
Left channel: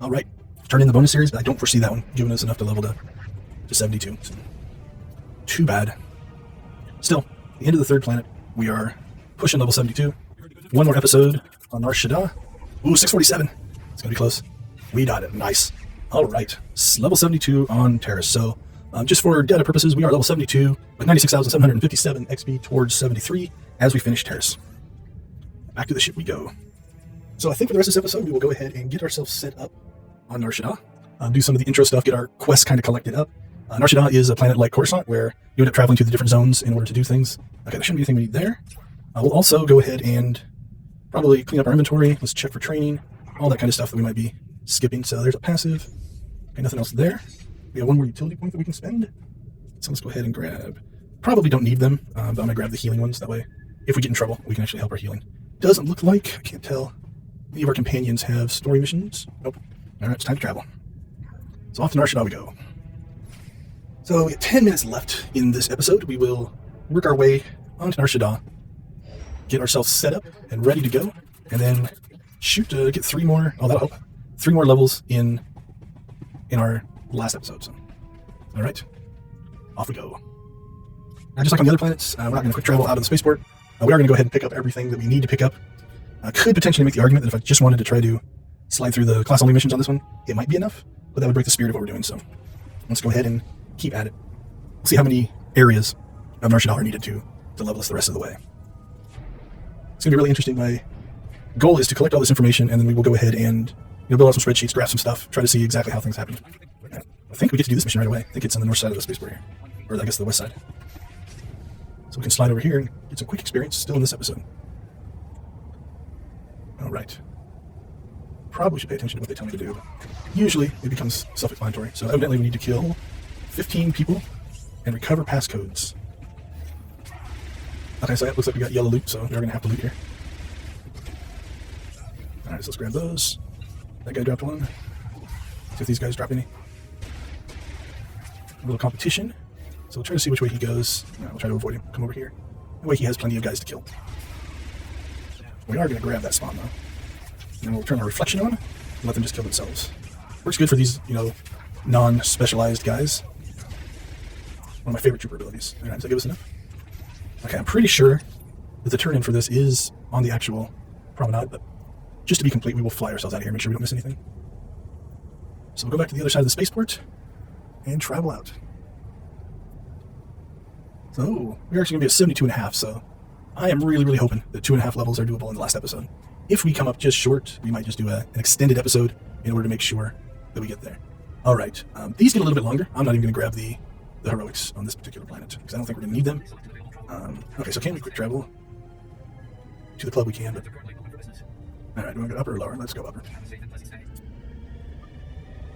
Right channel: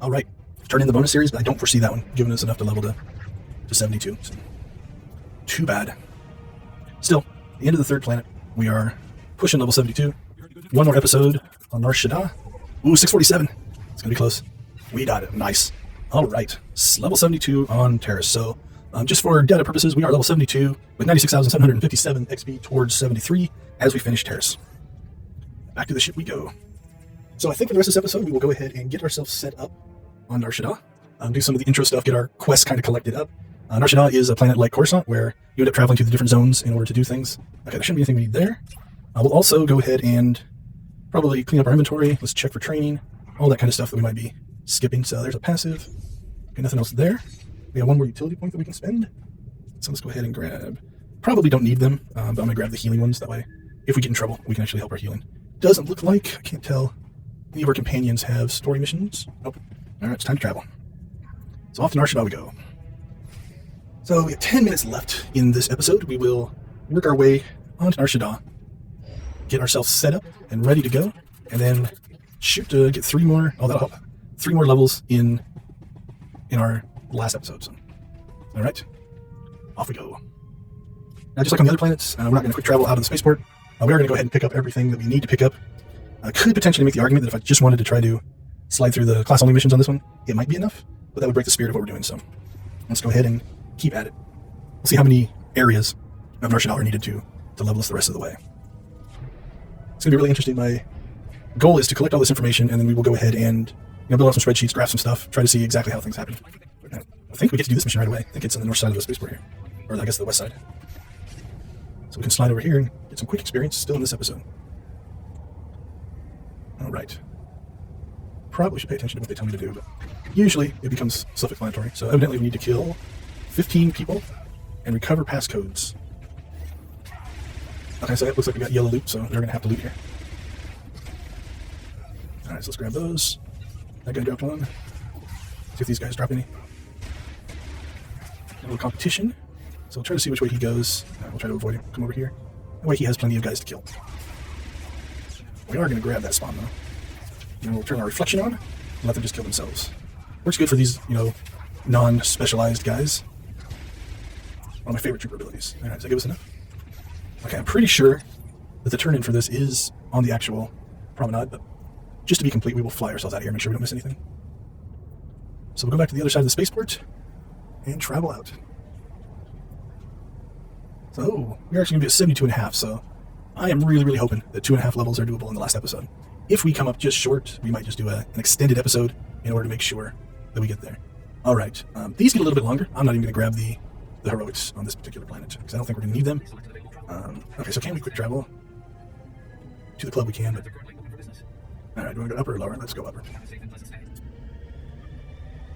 Alright, turn in the bonus series, but I don't foresee that one giving us enough to level to 72. So, too bad. Still, the end of the 3rd planet, we are pushing level 72. 1 more episode on Narshada. Ooh, 647. It's going to be close. We got it. Nice. Alright, level 72 on Terrace. So, just for data purposes, we are level 72 with 96,757 XP towards 73 as we finish Terrace. Back to the ship we go. So I think for the rest of this episode, we'll go ahead and get ourselves set up on Narshada. Do some of the intro stuff, get our quests kind of collected up. Narshada is a planet like Coruscant where you end up traveling to the different zones in order to do things. Okay, there shouldn't be anything we need there. We'll also go ahead and probably clean up our inventory. Let's check for training, all that kind of stuff that we might be skipping. So there's a passive. Okay, nothing else there. We have 1 more utility point that we can spend. So let's go ahead and grab. Probably don't need them, but I'm going to grab the healing ones. That way, if we get in trouble, we can actually help our healing. Doesn't look like, I can't tell any of our companions have story missions? Nope. Alright, it's time to travel. So off to Nar Shaddaa we go. So we have 10 minutes left in this episode. We will work our way onto Nar Shaddaa, get ourselves set up and ready to go, and then shoot to get 3 more, that'll help, 3 more levels in our last episode. So, alright, off we go. Now, just like on the other planets, we're not going to quick travel out of the spaceport. We are going to go ahead and pick up everything that we need to pick up. I could potentially make the argument that if I just wanted to try to slide through the class-only missions on this one, it might be enough, but that would break the spirit of what we're doing, so let's go ahead and keep at it. We'll see how many areas of Nar Shaddaa are needed to level us the rest of the way. It's going to be really interesting. My goal is to collect all this information, and then we will go ahead and build out some spreadsheets, graph some stuff, try to see exactly how things happen. I think we get to do this mission right away. I think it's on the north side of the spaceport here, or I guess the west side. So we can slide over here and get some quick experience still in this episode. Alright. Probably should pay attention to what they tell me to do, but usually it becomes self-explanatory. So evidently we need to kill 15 people and recover passcodes. Okay, so it looks like we got yellow loot, so we're going to have to loot here. Alright, so let's grab those. That guy dropped one. See if these guys drop any. A little competition. So we'll try to see which way he goes. I'll try to avoid him. Come over here. That way he has plenty of guys to kill. We are going to grab that spawn though. And then we'll turn our reflection on and let them just kill themselves. Works good for these, non-specialized guys. One of my favorite trooper abilities. Alright, so give us enough. Okay, I'm pretty sure that the turn-in for this is on the actual promenade, but just to be complete, we will fly ourselves out of here, make sure we don't miss anything. So we'll go back to the other side of the spaceport and travel out. So we're actually going to be at 72.5, so I am really, really hoping that 2.5 levels are doable in the last episode. If we come up just short, we might just do an extended episode in order to make sure that we get there. Alright, these get a little bit longer. I'm not even going to grab the heroics on this particular planet, because I don't think we're going to need them. Okay, so can we quick travel? To the club we can, but... Alright, do I go upper or lower? Let's go upper.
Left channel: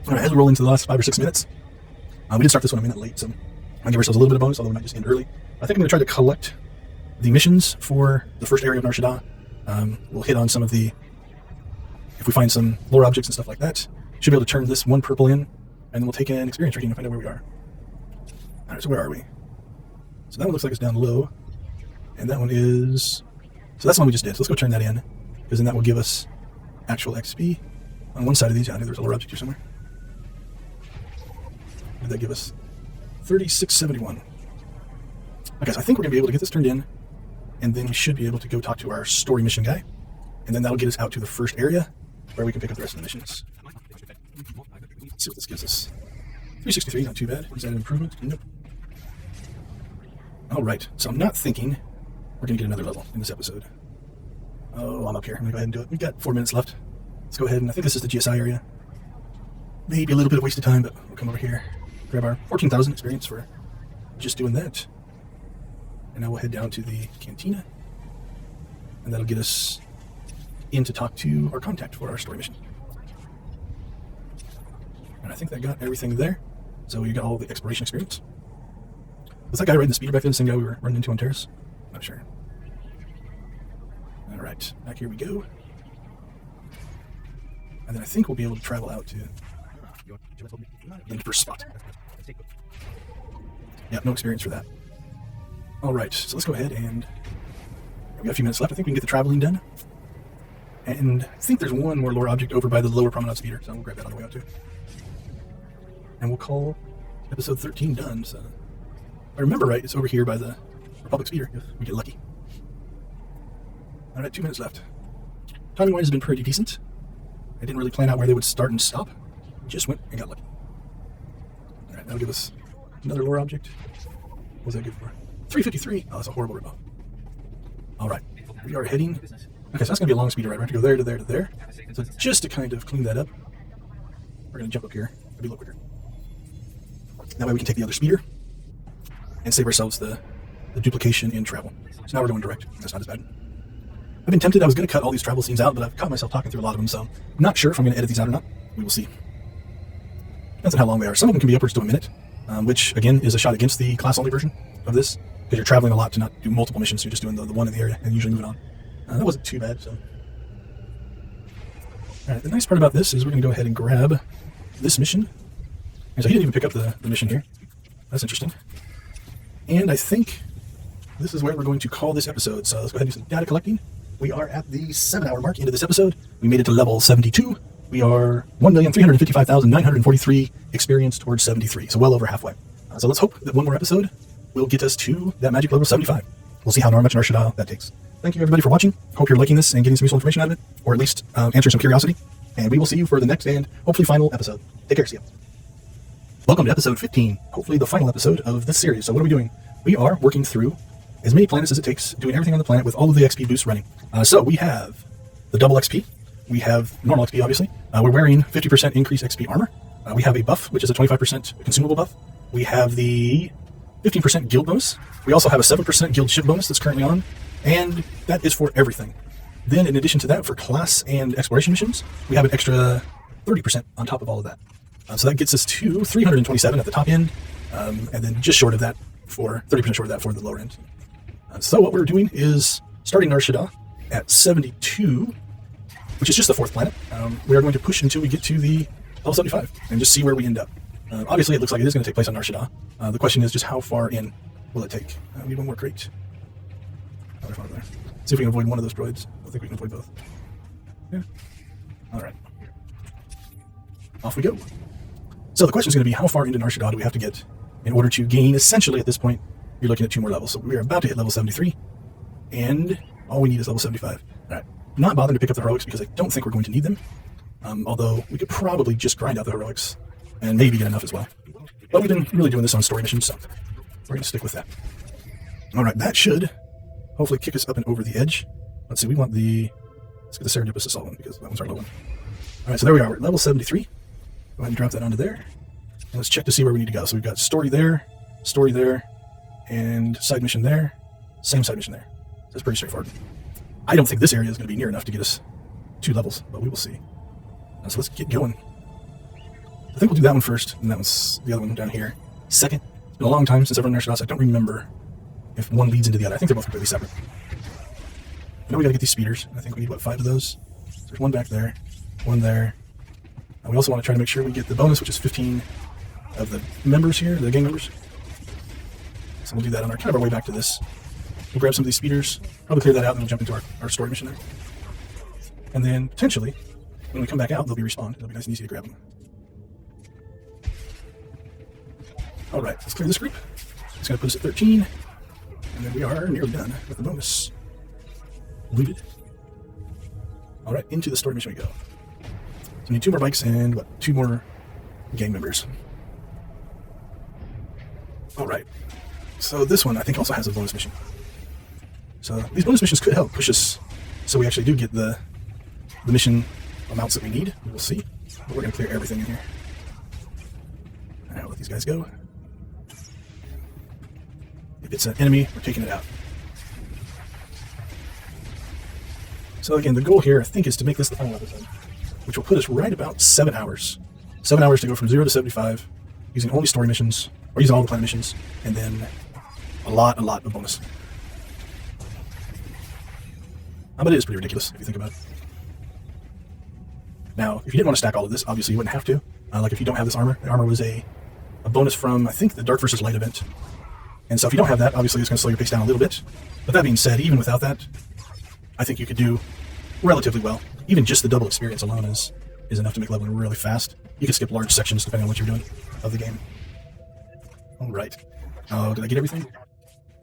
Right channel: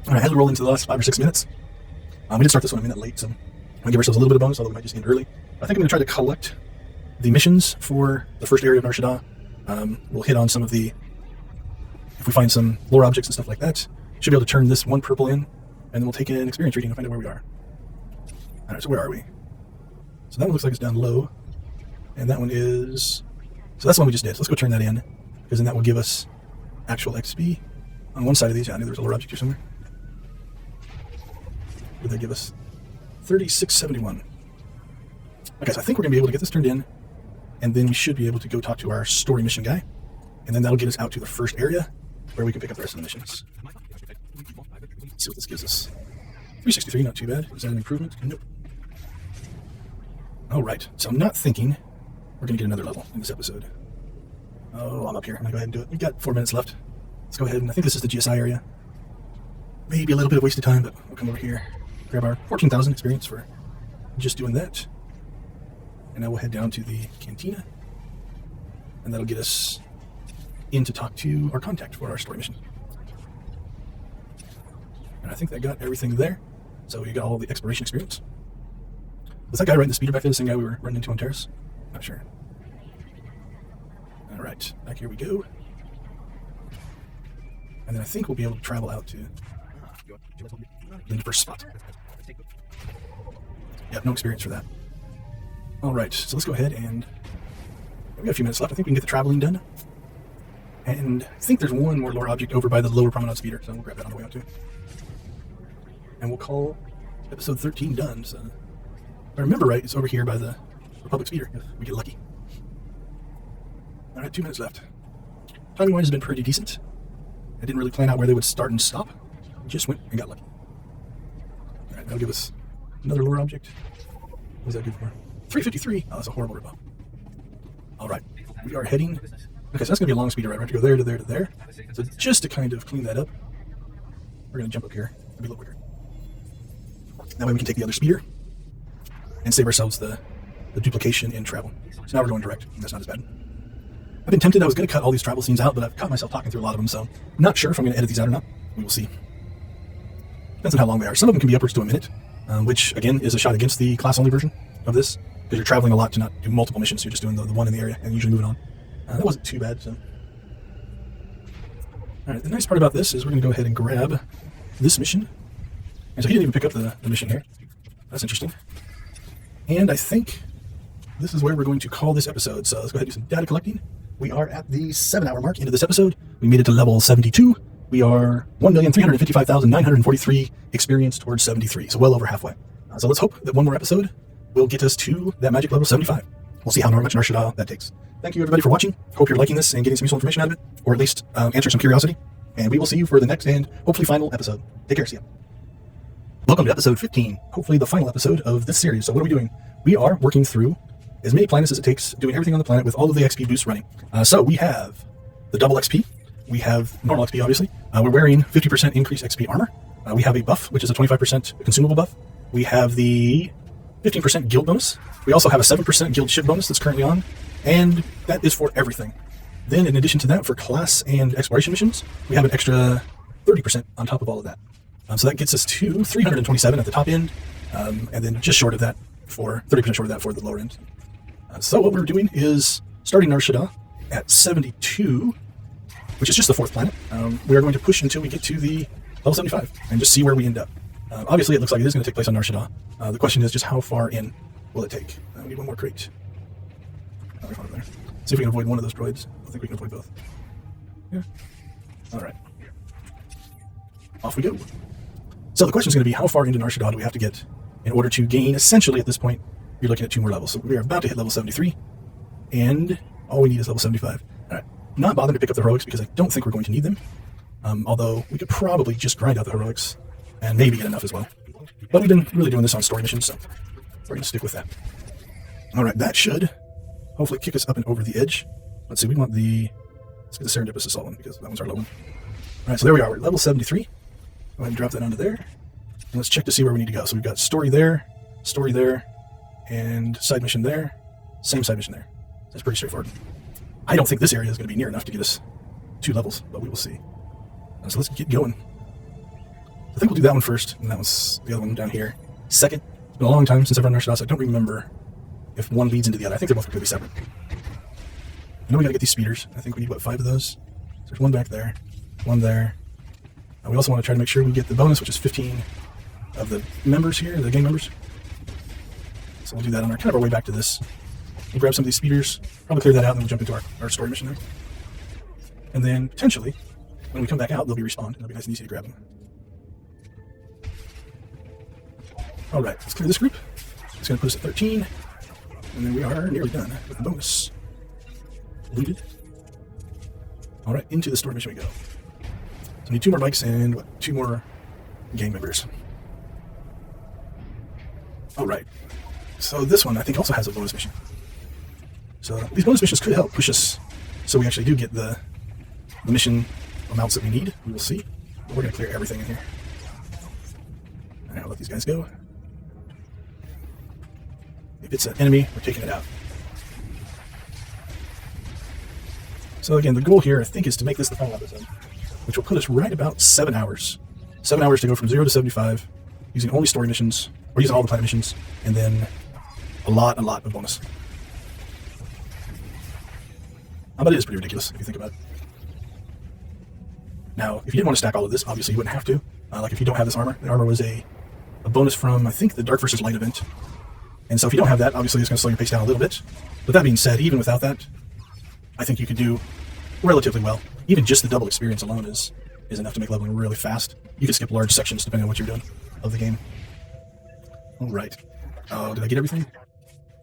Alright, as we roll into the last 5 or 6 minutes, we didn't start this one a minute late, so I'll give ourselves a little bit of bonus, although we might just end early. I think I'm going to try to collect the missions for the first area of Nar Shaddaa. We'll hit on some of the... If we find some lore objects and stuff like that, should be able to turn this 1 purple in, and then we'll take an experience rating and find out where we are. Alright, so where are we? So that one looks like it's down low, and that one is... So that's the one we just did, so let's go turn that in, because then that will give us actual XP. On one side of these, I knew there was a lore object here somewhere. What did that give us? 3671. Okay, so I think we're going to be able to get this turned in, and then we should be able to go talk to our story mission guy, and then that'll get us out to the first area, where we can pick up the rest of the missions. Let's see what this gives us. 363, not too bad. Is that an improvement? Nope. Alright, so I'm not thinking we're going to get another level in this episode. Oh, I'm up here. I'm going to go ahead and do it. We've got 4 minutes left. Let's go ahead, and I think this is the GSI area. Maybe a little bit of wasted time, but we'll come over here, grab our 14,000 experience for just doing that. And now we'll head down to the cantina, and that'll get us in to talk to our contact for our story mission. And I think that got everything there. So you got all of the exploration experience. Was that guy riding the speeder back there the same guy we were running into on Terrace? Not sure. Alright, back here we go. And then I think we'll be able to travel out to the first spot. Yeah, no experience for that. Alright, so let's go ahead and... We've got a few minutes left. I think we can get the traveling done. And I think there's one more lore object over by the lower promenade speeder, so we'll grab that on the way out too. And we'll call episode 13 done. So if I remember right, it's over here by the Republic speeder, if we get lucky. Alright, 2 minutes left. Timing wise has been pretty decent. I didn't really plan out where they would start and stop. Just went and got lucky. Alright, that'll give us another lore object. What was that good for? 353. Oh, that's a horrible ripoff. Alright, we are heading... Okay, so that's going to be a long speeder ride. We have to go there to there to there. So just to kind of clean that up, we're going to jump up here. It'll be a little quicker. That way we can take the other speeder and save ourselves the duplication in travel. So now we're going direct. That's not as bad. I've been tempted. I was going to cut all these travel scenes out, but I've caught myself talking through a lot of them, so I'm not sure if I'm going to edit these out or not. We will see. Depends on how long they are. Some of them can be upwards to a minute, which, again, is a shot against the class-only version of this, because you're traveling a lot to not do multiple missions. So you're just doing the one in the area and usually moving on. That wasn't too bad, so... Alright, the nice part about this is we're going to go ahead and grab this mission. And so he didn't even pick up the mission here. That's interesting. And I think this is where we're going to call this episode. So let's go ahead and do some data collecting. We are at the 7-hour mark into this episode. We made it to level 72. We are 1,355,943 experience towards 73. So well over halfway. So let's hope that one more episode will get us to that magic level 75. We'll see how much Nar Shaddaa that takes. Thank you everybody for watching. Hope you're liking this and getting some useful information out of it. Or at least answering some curiosity. And we will see you for the next and hopefully final episode. Take care, see you. Welcome to episode 15. Hopefully the final episode of this series. So what are we doing? We are working through as many planets as it takes, doing everything on the planet with all of the XP boosts running. So we have the double XP. We have normal XP, obviously. We're wearing 50% increased XP armor. We have a buff, which is a 25% consumable buff. We have the 15% guild bonus. We also have a 7% guild ship bonus that's currently on. And that is for everything. Then in addition to that, for class and exploration missions, we have an extra 30% on top of all of that. So that gets us to 327 at the top end, and then just short of that for 30% short of that for the lower end. So what we're doing is starting Nar Shaddaa at 72, which is just the 4th planet. We are going to push until we get to the level 75 and just see where we end up. Obviously, it looks like it is going to take place on Nar Shaddaa. The question is just how far in will it take? We need one more crate. Another farm there. See if we can avoid one of those droids. I think we can avoid both. Yeah. All right. Off we go. So the question is going to be how far into Nar Shaddaa do we have to get in order to gain, essentially at this point, you're looking at 2 more levels. So we're about to hit level 73. And all we need is level 75. All right. I'm not bothering to pick up the heroics because I don't think we're going to need them. Although we could probably just grind out the heroics and maybe get enough as well. But we've been really doing this on story missions, so we're going to stick with that. All right, that should hopefully kick us up and over the edge. Let's see, let's get the Serendipitous Assault one because that one's our low one. All right, so there we are. We're at level 73. Go ahead and drop that onto there. And let's check to see where we need to go. So we've got story there, and side mission there, same side mission there. So that's pretty straightforward. I don't think this area is going to be near enough to get us 2 levels, but we will see. So let's get going. I think we'll do that one first, and that was the other one down here. Second, it's been a long time since I've run Nar Shaddaa, so I don't remember if one leads into the other. I think they're both completely separate. I know we got to get these speeders. I think we need, 5 of those? So there's one back there, one there. We also want to try to make sure we get the bonus, which is 15 of the members here, the gang members. So we'll do that on our way back to this. We'll grab some of these speeders, probably clear that out, and then jump into our story mission. And then, potentially, when we come back out, they'll be respawned. It'll be nice and easy to grab them. All right, let's clear this group. It's going to put us at 13. And then we are nearly done with the bonus. Looted. All right, into the story mission we go. So we need 2 more bikes and 2 more gang members. All right. So this one I think also has a bonus mission. So these bonus missions could help push us so we actually do get the mission amounts that we need. We will see. But we're going to clear everything in here. And I'll let these guys go. If it's an enemy, we're taking it out. So again, the goal here, I think, is to make this the final episode, which will put us right about 7 hours. 7 hours to go from 0 to 75, using only story missions, or using all the planet missions, and then a lot of bonus. But it is pretty ridiculous, if you think about it. Now, if you didn't want to stack all of this, obviously you wouldn't have to. Like if you don't have this armor, the armor was a bonus from, I think, the Dark versus Light event. And so if you don't have that, obviously it's going to slow your pace down a little bit. But that being said, even without that, I think you could do relatively well. Even just the double experience alone is enough to make leveling really fast. You can skip large sections depending on what you're doing of the game. All right. Oh, did I get everything?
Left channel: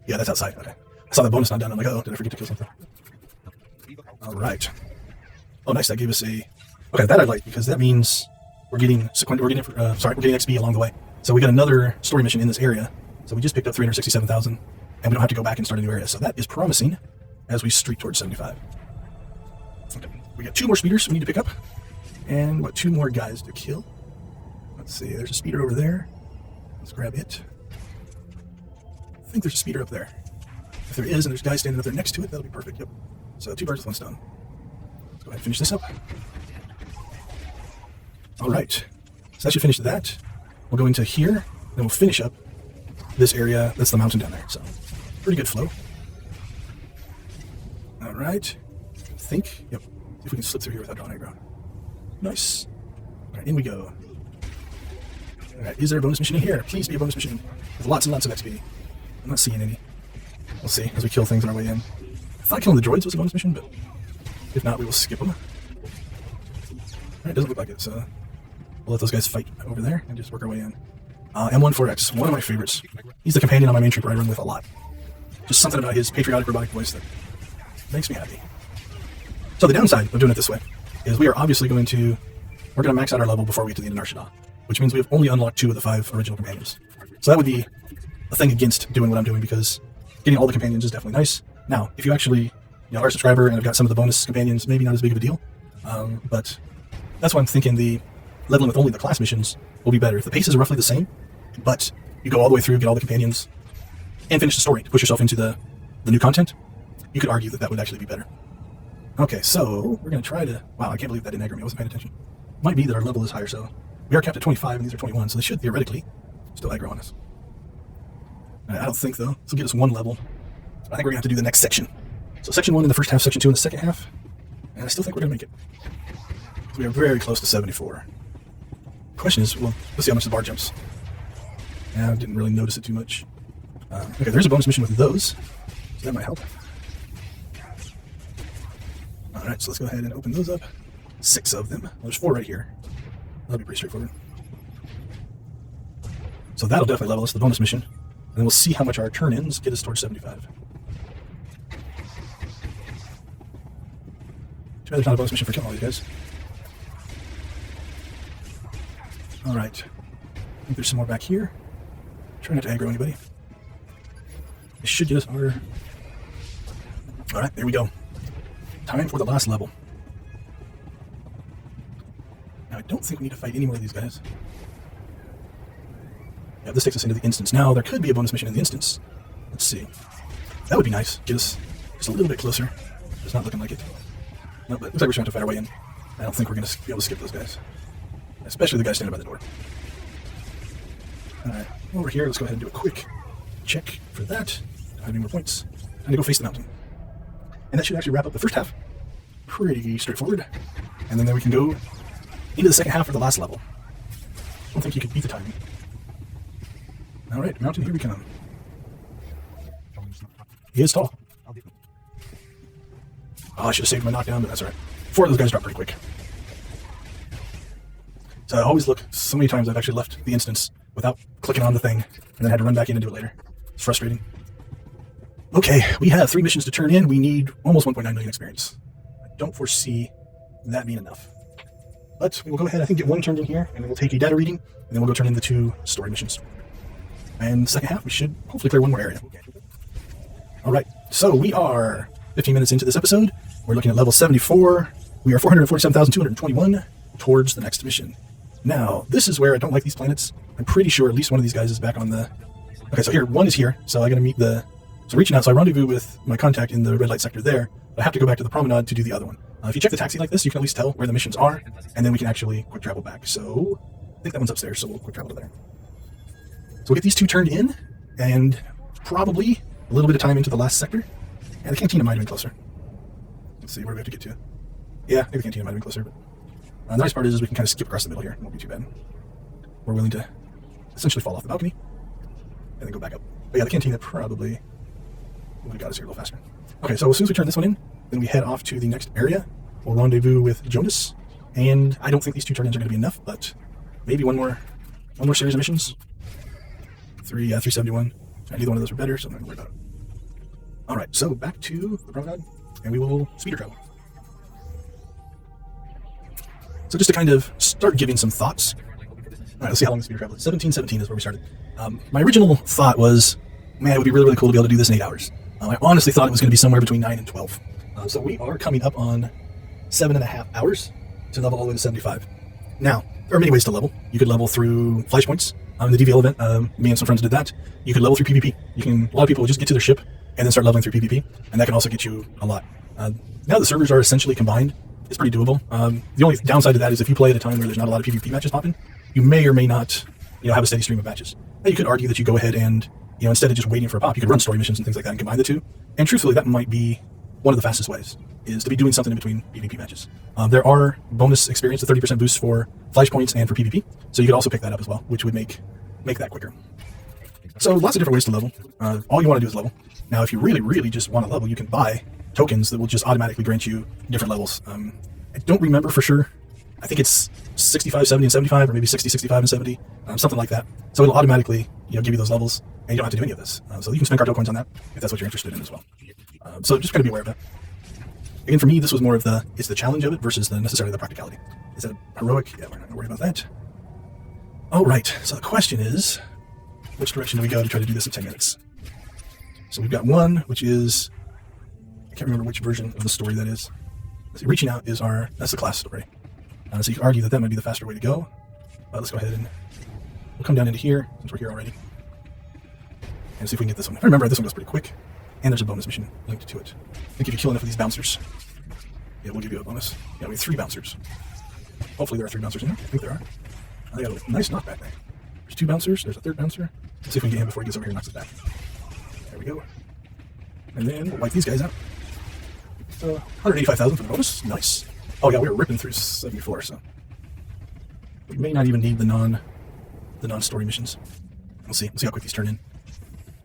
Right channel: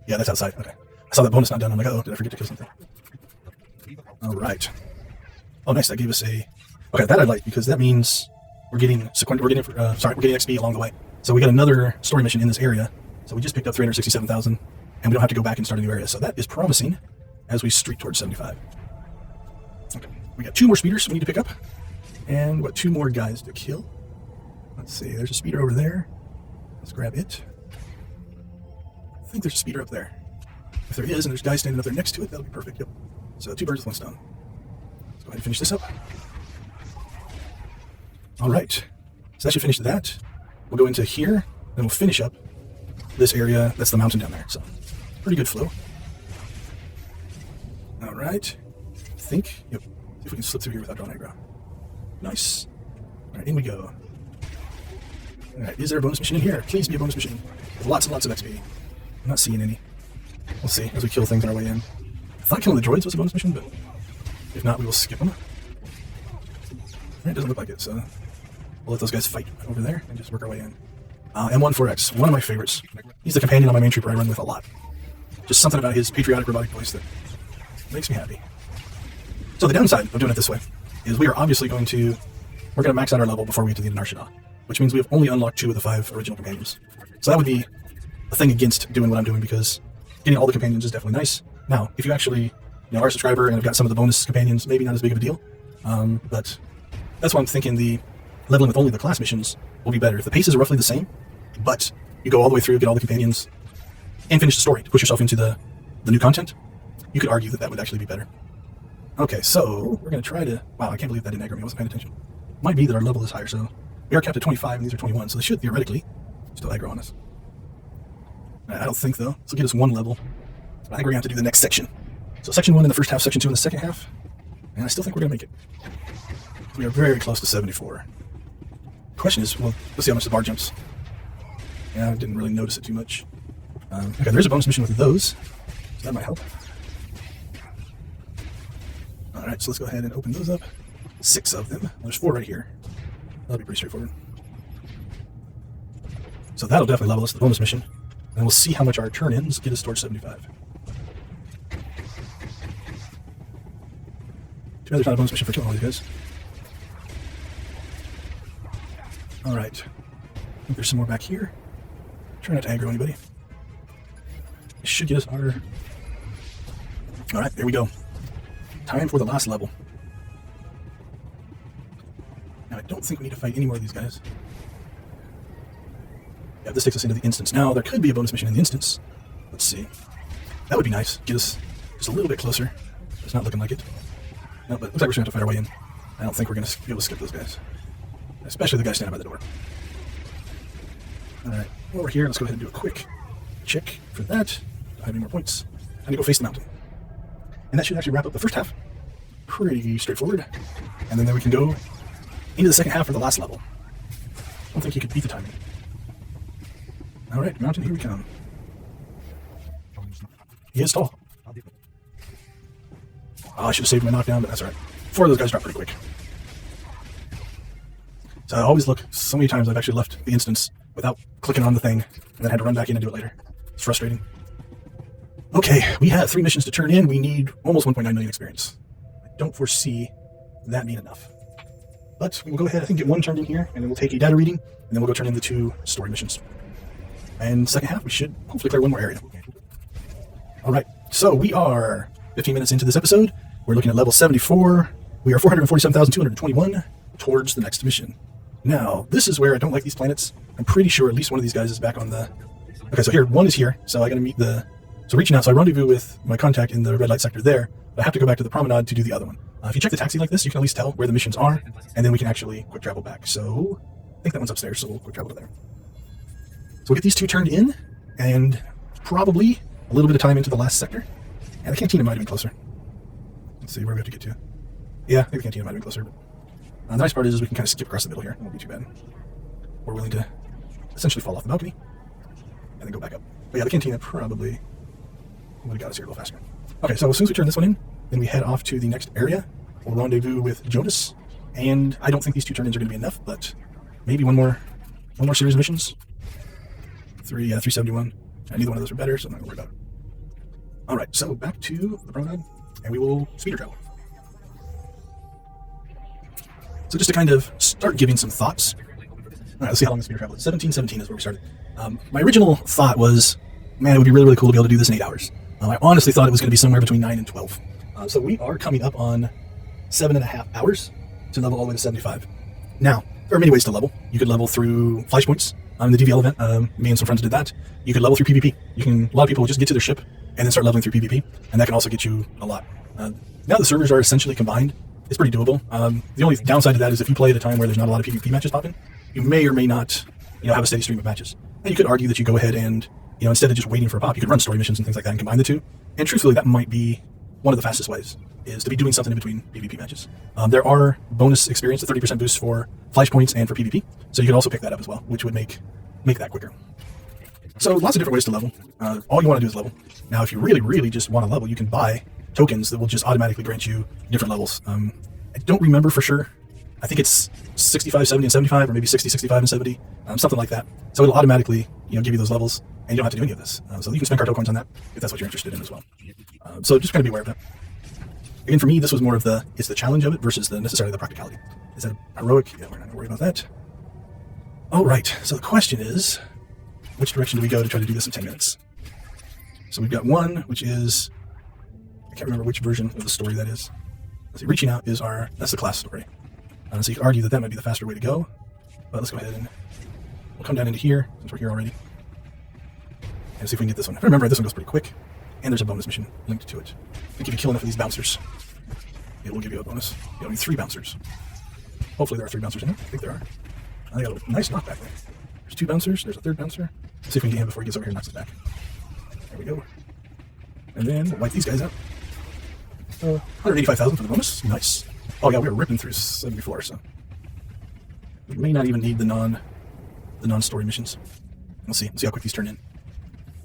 Yeah, that's outside. Okay. I saw that bonus not done. I'm like, oh, did I forget to kill something? All right. Oh, nice. That gave us a... Okay, that I like because that means we're getting XP along the way. So we got another story mission in this area. So we just picked up 367,000, and we don't have to go back and start a new area. So that is promising as we streak towards 75. Okay. We got 2 more speeders we need to pick up, and 2 more guys to kill. Let's see, there's a speeder over there. Let's grab it. I think there's a speeder up there. If there is, and there's guys standing up there next to it, that'll be perfect. Yep. So 2 birds with 1 stone. Let's go ahead and finish this up. All right. So that should finish that. We'll go into here, then we'll finish up this area. That's the mountain down there. So pretty good flow. All right. I think. Yep. See if we can slip through here without drawing aggro. Nice. All right, in we go. All right, is there a bonus mission in here? Please be a bonus mission. With lots and lots of XP. I'm not seeing any. We'll see as we kill things on our way in. I thought killing the droids was a bonus mission, but if not, we will skip them. It doesn't look like it, so we'll let those guys fight over there and just work our way in. M14X, one of my favorites. He's the companion on my main trooper I run with a lot. Just something about his patriotic robotic voice that makes me happy. So the downside of doing it this way is we're going to max out our level before we get to the end of SWTOR, which means we've only unlocked 2 of the 5 original companions. So that would be a thing against doing what I'm doing, because getting all the companions is definitely nice. Now, if you actually are a subscriber and have got some of the bonus companions, maybe not as big of a deal. But that's why I'm thinking the leveling with only the class missions will be better. If the pace is roughly the same, but you go all the way through, get all the companions, and finish the story to push yourself into the new content, you could argue that that would actually be better. Okay, so we're going to try to... Wow, I can't believe that didn't aggro me. I wasn't paying attention. Might be that our level is higher, so we are capped at 25 and these are 21, so they should theoretically still aggro on us. I don't think, though. This will get us 1 level. I think we're going to have to do the next section. So section 1 in the first half, section 2 in the second half, and I still think we're going to make it. So we are very close to 74. The question is, well, let's see how much the bar jumps. Yeah, I didn't really notice it too much. Okay, there's a bonus mission with those, so that might help. Alright, so let's go ahead and open those up. 6 of them. Well, there's 4 right here. That'll be pretty straightforward. So that'll definitely level us to the bonus mission. And we'll see how much our turn-ins get us towards 75. Too bad there's not a bonus mission for killing all these guys. Alright. I think there's some more back here. Try not to aggro anybody. This should get us our... Alright, there we go. Time for the last level. Now, I don't think we need to fight any more of these guys. Yeah, this takes us into the instance. Now, there could be a bonus mission in the instance. Let's see. That would be nice. Get us just a little bit closer. It's not looking like it. No, but it looks like we're trying to fight our way in. I don't think we're going to be able to skip those guys. Especially the guy standing by the door. Alright, over here, let's go ahead and do a quick check for that. Don't have any more points. Time to go face the mountain. And that should actually wrap up the first half. Pretty straightforward. And then we can go into the second half for the last level. I don't think you could beat the timing. Alright, mountain, here we come. He is tall. Oh, I should have saved him a knockdown, but that's right. 4 of those guys drop pretty quick. So I always look, so many times I've actually left the instance without clicking on the thing, and then had to run back in and do it later. It's frustrating. Okay, we have 3 missions to turn in. We need almost 1.9 million experience. I don't foresee that being enough. But we will go ahead, I think, get 1 turned in here, and then we'll take a data reading, and then we'll go turn in the 2 story missions. And second half, we should hopefully clear 1 more area. Alright, so we are 15 minutes into this episode. We're looking at level 74. We are 447,221 towards the next mission. Now, this is where I don't like these planets. I'm pretty sure at least one of these guys is back on the... Okay, so here, 1 is here. So I'm going to meet the... So reaching out, so I rendezvous with my contact in the red light sector there, but I have to go back to the promenade to do the other one. If you check the taxi like this, you can at least tell where the missions are, and then we can actually quick travel back. So I think that one's upstairs, so we'll quick travel to there. So we'll get these 2 turned in, and probably a little bit of time into the last sector. And the cantina might have been closer. Let's see where we have to get to. Yeah, I think the cantina might have been closer. But the nice part is we can kind of skip across the middle here. It won't be too bad. We're willing to essentially fall off the balcony and then go back up. But yeah, the cantina probably would have got us here a little faster. Okay, so as soon as we turn this one in, then we head off to the next area. We'll rendezvous with Jonas. And I don't think these 2 turn-ins are going to be enough, but maybe one more series of missions. 371. Neither one of those are better, so I'm not going to worry about it. Alright, so back to the promenade, and we will speeder travel. So just to kind of start giving some thoughts. Alright, let's see how long the speeder travel is. 1717 is where we started. My original thought was, man, it would be really, really cool to be able to do this in 8 hours. I honestly thought it was going to be somewhere between 9 and 12. So we are coming up on 7.5 hours to level all the way to 75. Now, there are many ways to level. You could level through flashpoints. In the DVL event, me and some friends did that. You can level through PvP. A lot of people will just get to their ship and then start leveling through PvP, and that can also get you a lot. Now the servers are essentially combined. It's pretty doable. The only downside to that is if you play at a time where there's not a lot of PvP matches popping, you may or may not, have a steady stream of matches. And you could argue that you go ahead and, instead of just waiting for a pop, you could run story missions and things like that and combine the 2. And truthfully, that might be one of the fastest ways is to be doing something in between PvP matches. There are bonus experience, the 30% boost for flashpoints and for PvP, so you could also pick that up as well, which would make that quicker. So lots of different ways to level. All you want to do is level. Now, if you really just want to level, you can buy tokens that will just automatically grant you different levels. I don't remember for sure. I think it's 65, 70, and 75, or maybe 60, 65, and 70, something like that. So it'll automatically, give you those levels, and you don't have to do any of this. So you can spend cartel coins on that if that's what you're interested in as well. So just kind of be aware of that. And for me, this was more of the challenge of it versus necessarily the practicality. Is that heroic? Yeah, we're not going to worry about that. All right. So the question is, which direction do we go to try to do this in 10 minutes? So we've got one, which is, I can't remember which version of the story that is. Let's see, reaching out is that's the class story. So you can argue that might be the faster way to go. But let's go ahead and we'll come down into here, since we're here already, and see if we can get this one. Remember, this one goes pretty quick, and there's a bonus mission linked to it. I think if you kill enough of these bouncers, it will give you a bonus. Yeah, we need 3 bouncers. Hopefully there are 3 bouncers in here. I think there are. They got a nice knockback there. There's 2 bouncers. There's a 3rd bouncer. Let's see if we can get him before he gets over here and knocks us back. There we go. And then we'll wipe these guys out. 185,000 for the bonus. Nice. Oh yeah, we were ripping through 74, so we may not even need the non-story missions. We'll see. We'll see how quick these turn in.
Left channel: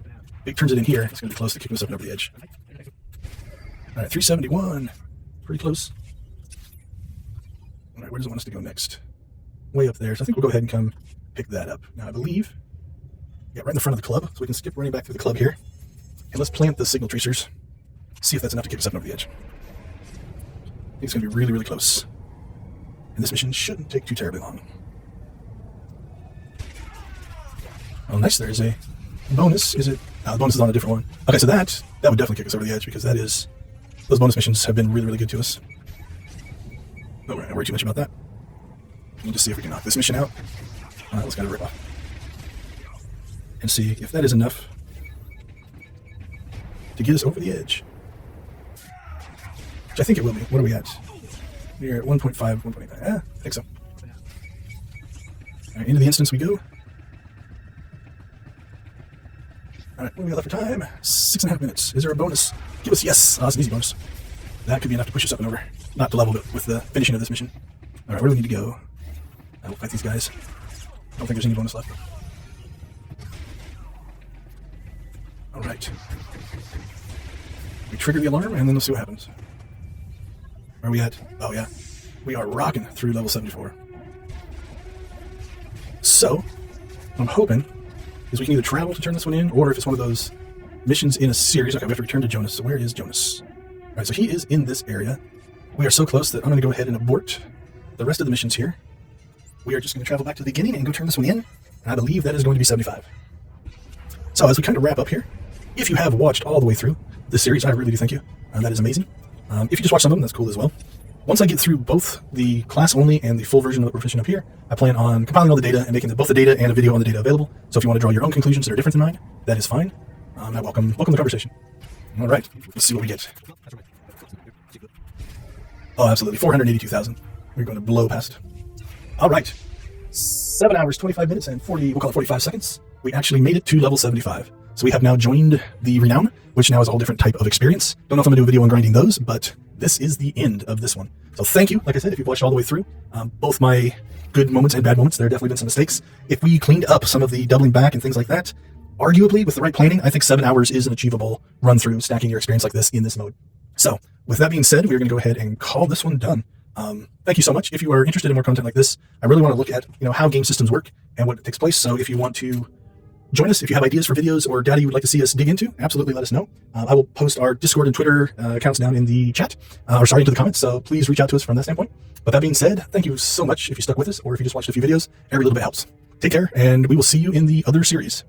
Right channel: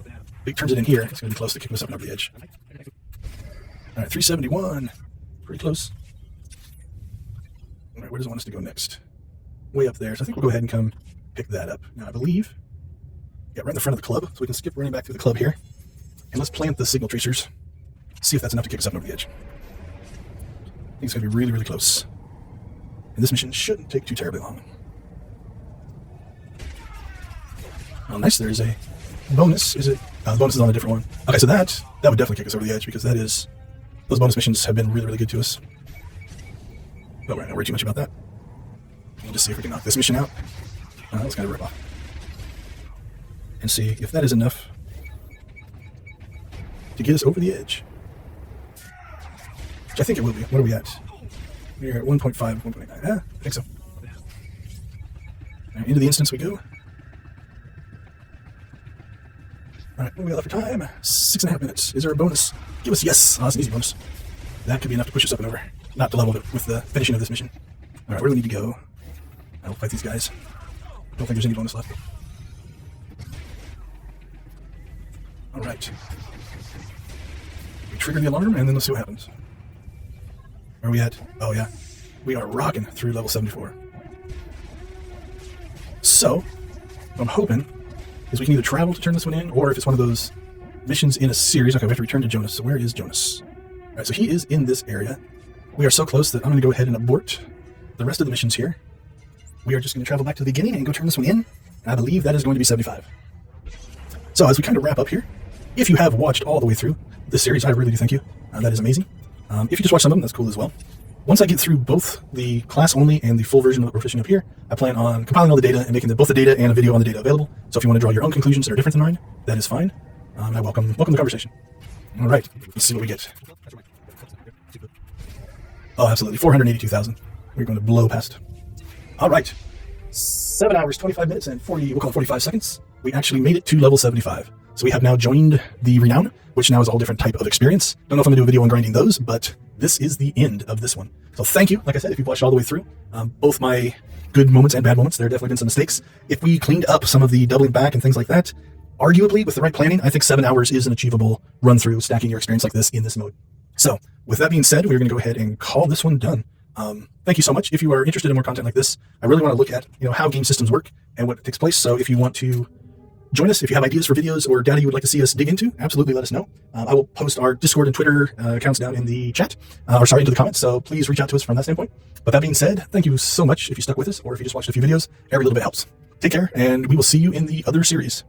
If it turns it in here, it's going to be close to kicking us up and over the edge. All right, 371. Pretty close. All right, where does it want us to go next? Way up there. So I think we'll go ahead and come pick that up. Now I believe, yeah, right in the front of the club, so we can skip running back through the club here. And let's plant the signal tracers. See if that's enough to kick us up and over the edge. I think it's going to be really close. And this mission shouldn't take too terribly long. Oh, nice. There's a bonus. Is it? The bonus is on a different one. Okay, so that would definitely kick us over the edge, because those bonus missions have been really good to us. But we're not going to worry too much about that. We'll just see if we can knock this mission out. Let's kind of rip off. And see if that is enough to get us over the edge. Which I think it will be. What are we at? We're at 1.5, 1.9. Yeah, I think so. All right, into the instance we go. All right, we got for time. 6.5 minutes. Is there a bonus? Give us yes. Oh, it's an easy bonus. That could be enough to push us up and over. Not to level with the finishing of this mission. All right, where do we need to go? I'll fight these guys. Don't think there's any bonus left. All right. We trigger the alarm, and then we'll see what happens. Where are we at? Oh, yeah. We are rocking through level 74. So, what I'm hoping is we can either travel to turn this one in, or if it's one of those missions in a series. Okay, we have to return to Jonas. So where is Jonas? All right, so he is in this area. We are so close that I'm going to go ahead and abort the rest of the missions here. We are just going to travel back to the beginning and go turn this one in. And I believe that is going to be 75. So as we kind of wrap up here, if you have watched all the way through this series, I really do thank you. That is amazing. If you just watch some of them, that's cool as well. Once I get through both the class only and the full version of what we're fishing up here, I plan on compiling all the data and making both the data and a video on the data available. So if you want to draw your own conclusions that are different than mine, that is fine. I welcome the conversation. All right, let's see what we get. Oh, absolutely, 482,000. We're going to blow past. All right, 7 hours, 25 minutes, and 45 seconds. We actually made it to level 75. So we have now joined the Renown, which now is all different type of experience. Don't know if I'm going to do a video on grinding those, but this is the end of this one. So thank you. Like I said, if you've watched all the way through, both my good moments and bad moments, there have definitely been some mistakes. If we cleaned up some of the doubling back and things like that, arguably with the right planning, I think 7 hours is an achievable run through stacking your experience like this in this mode. So with that being said, we're going to go ahead and call this one done. Thank you so much. If you are interested in more content like this, I really want to look at how game systems work and what takes place. So if you want to join us, if you have ideas for videos or data you would like to see us dig into, absolutely let us know. I will post our Discord and Twitter accounts down in the chat, into the comments. So please reach out to us from that standpoint. With that being said, thank you so much if you stuck with us or if you just watched a few videos. Every little bit helps. Take care, and we will see you in the other series.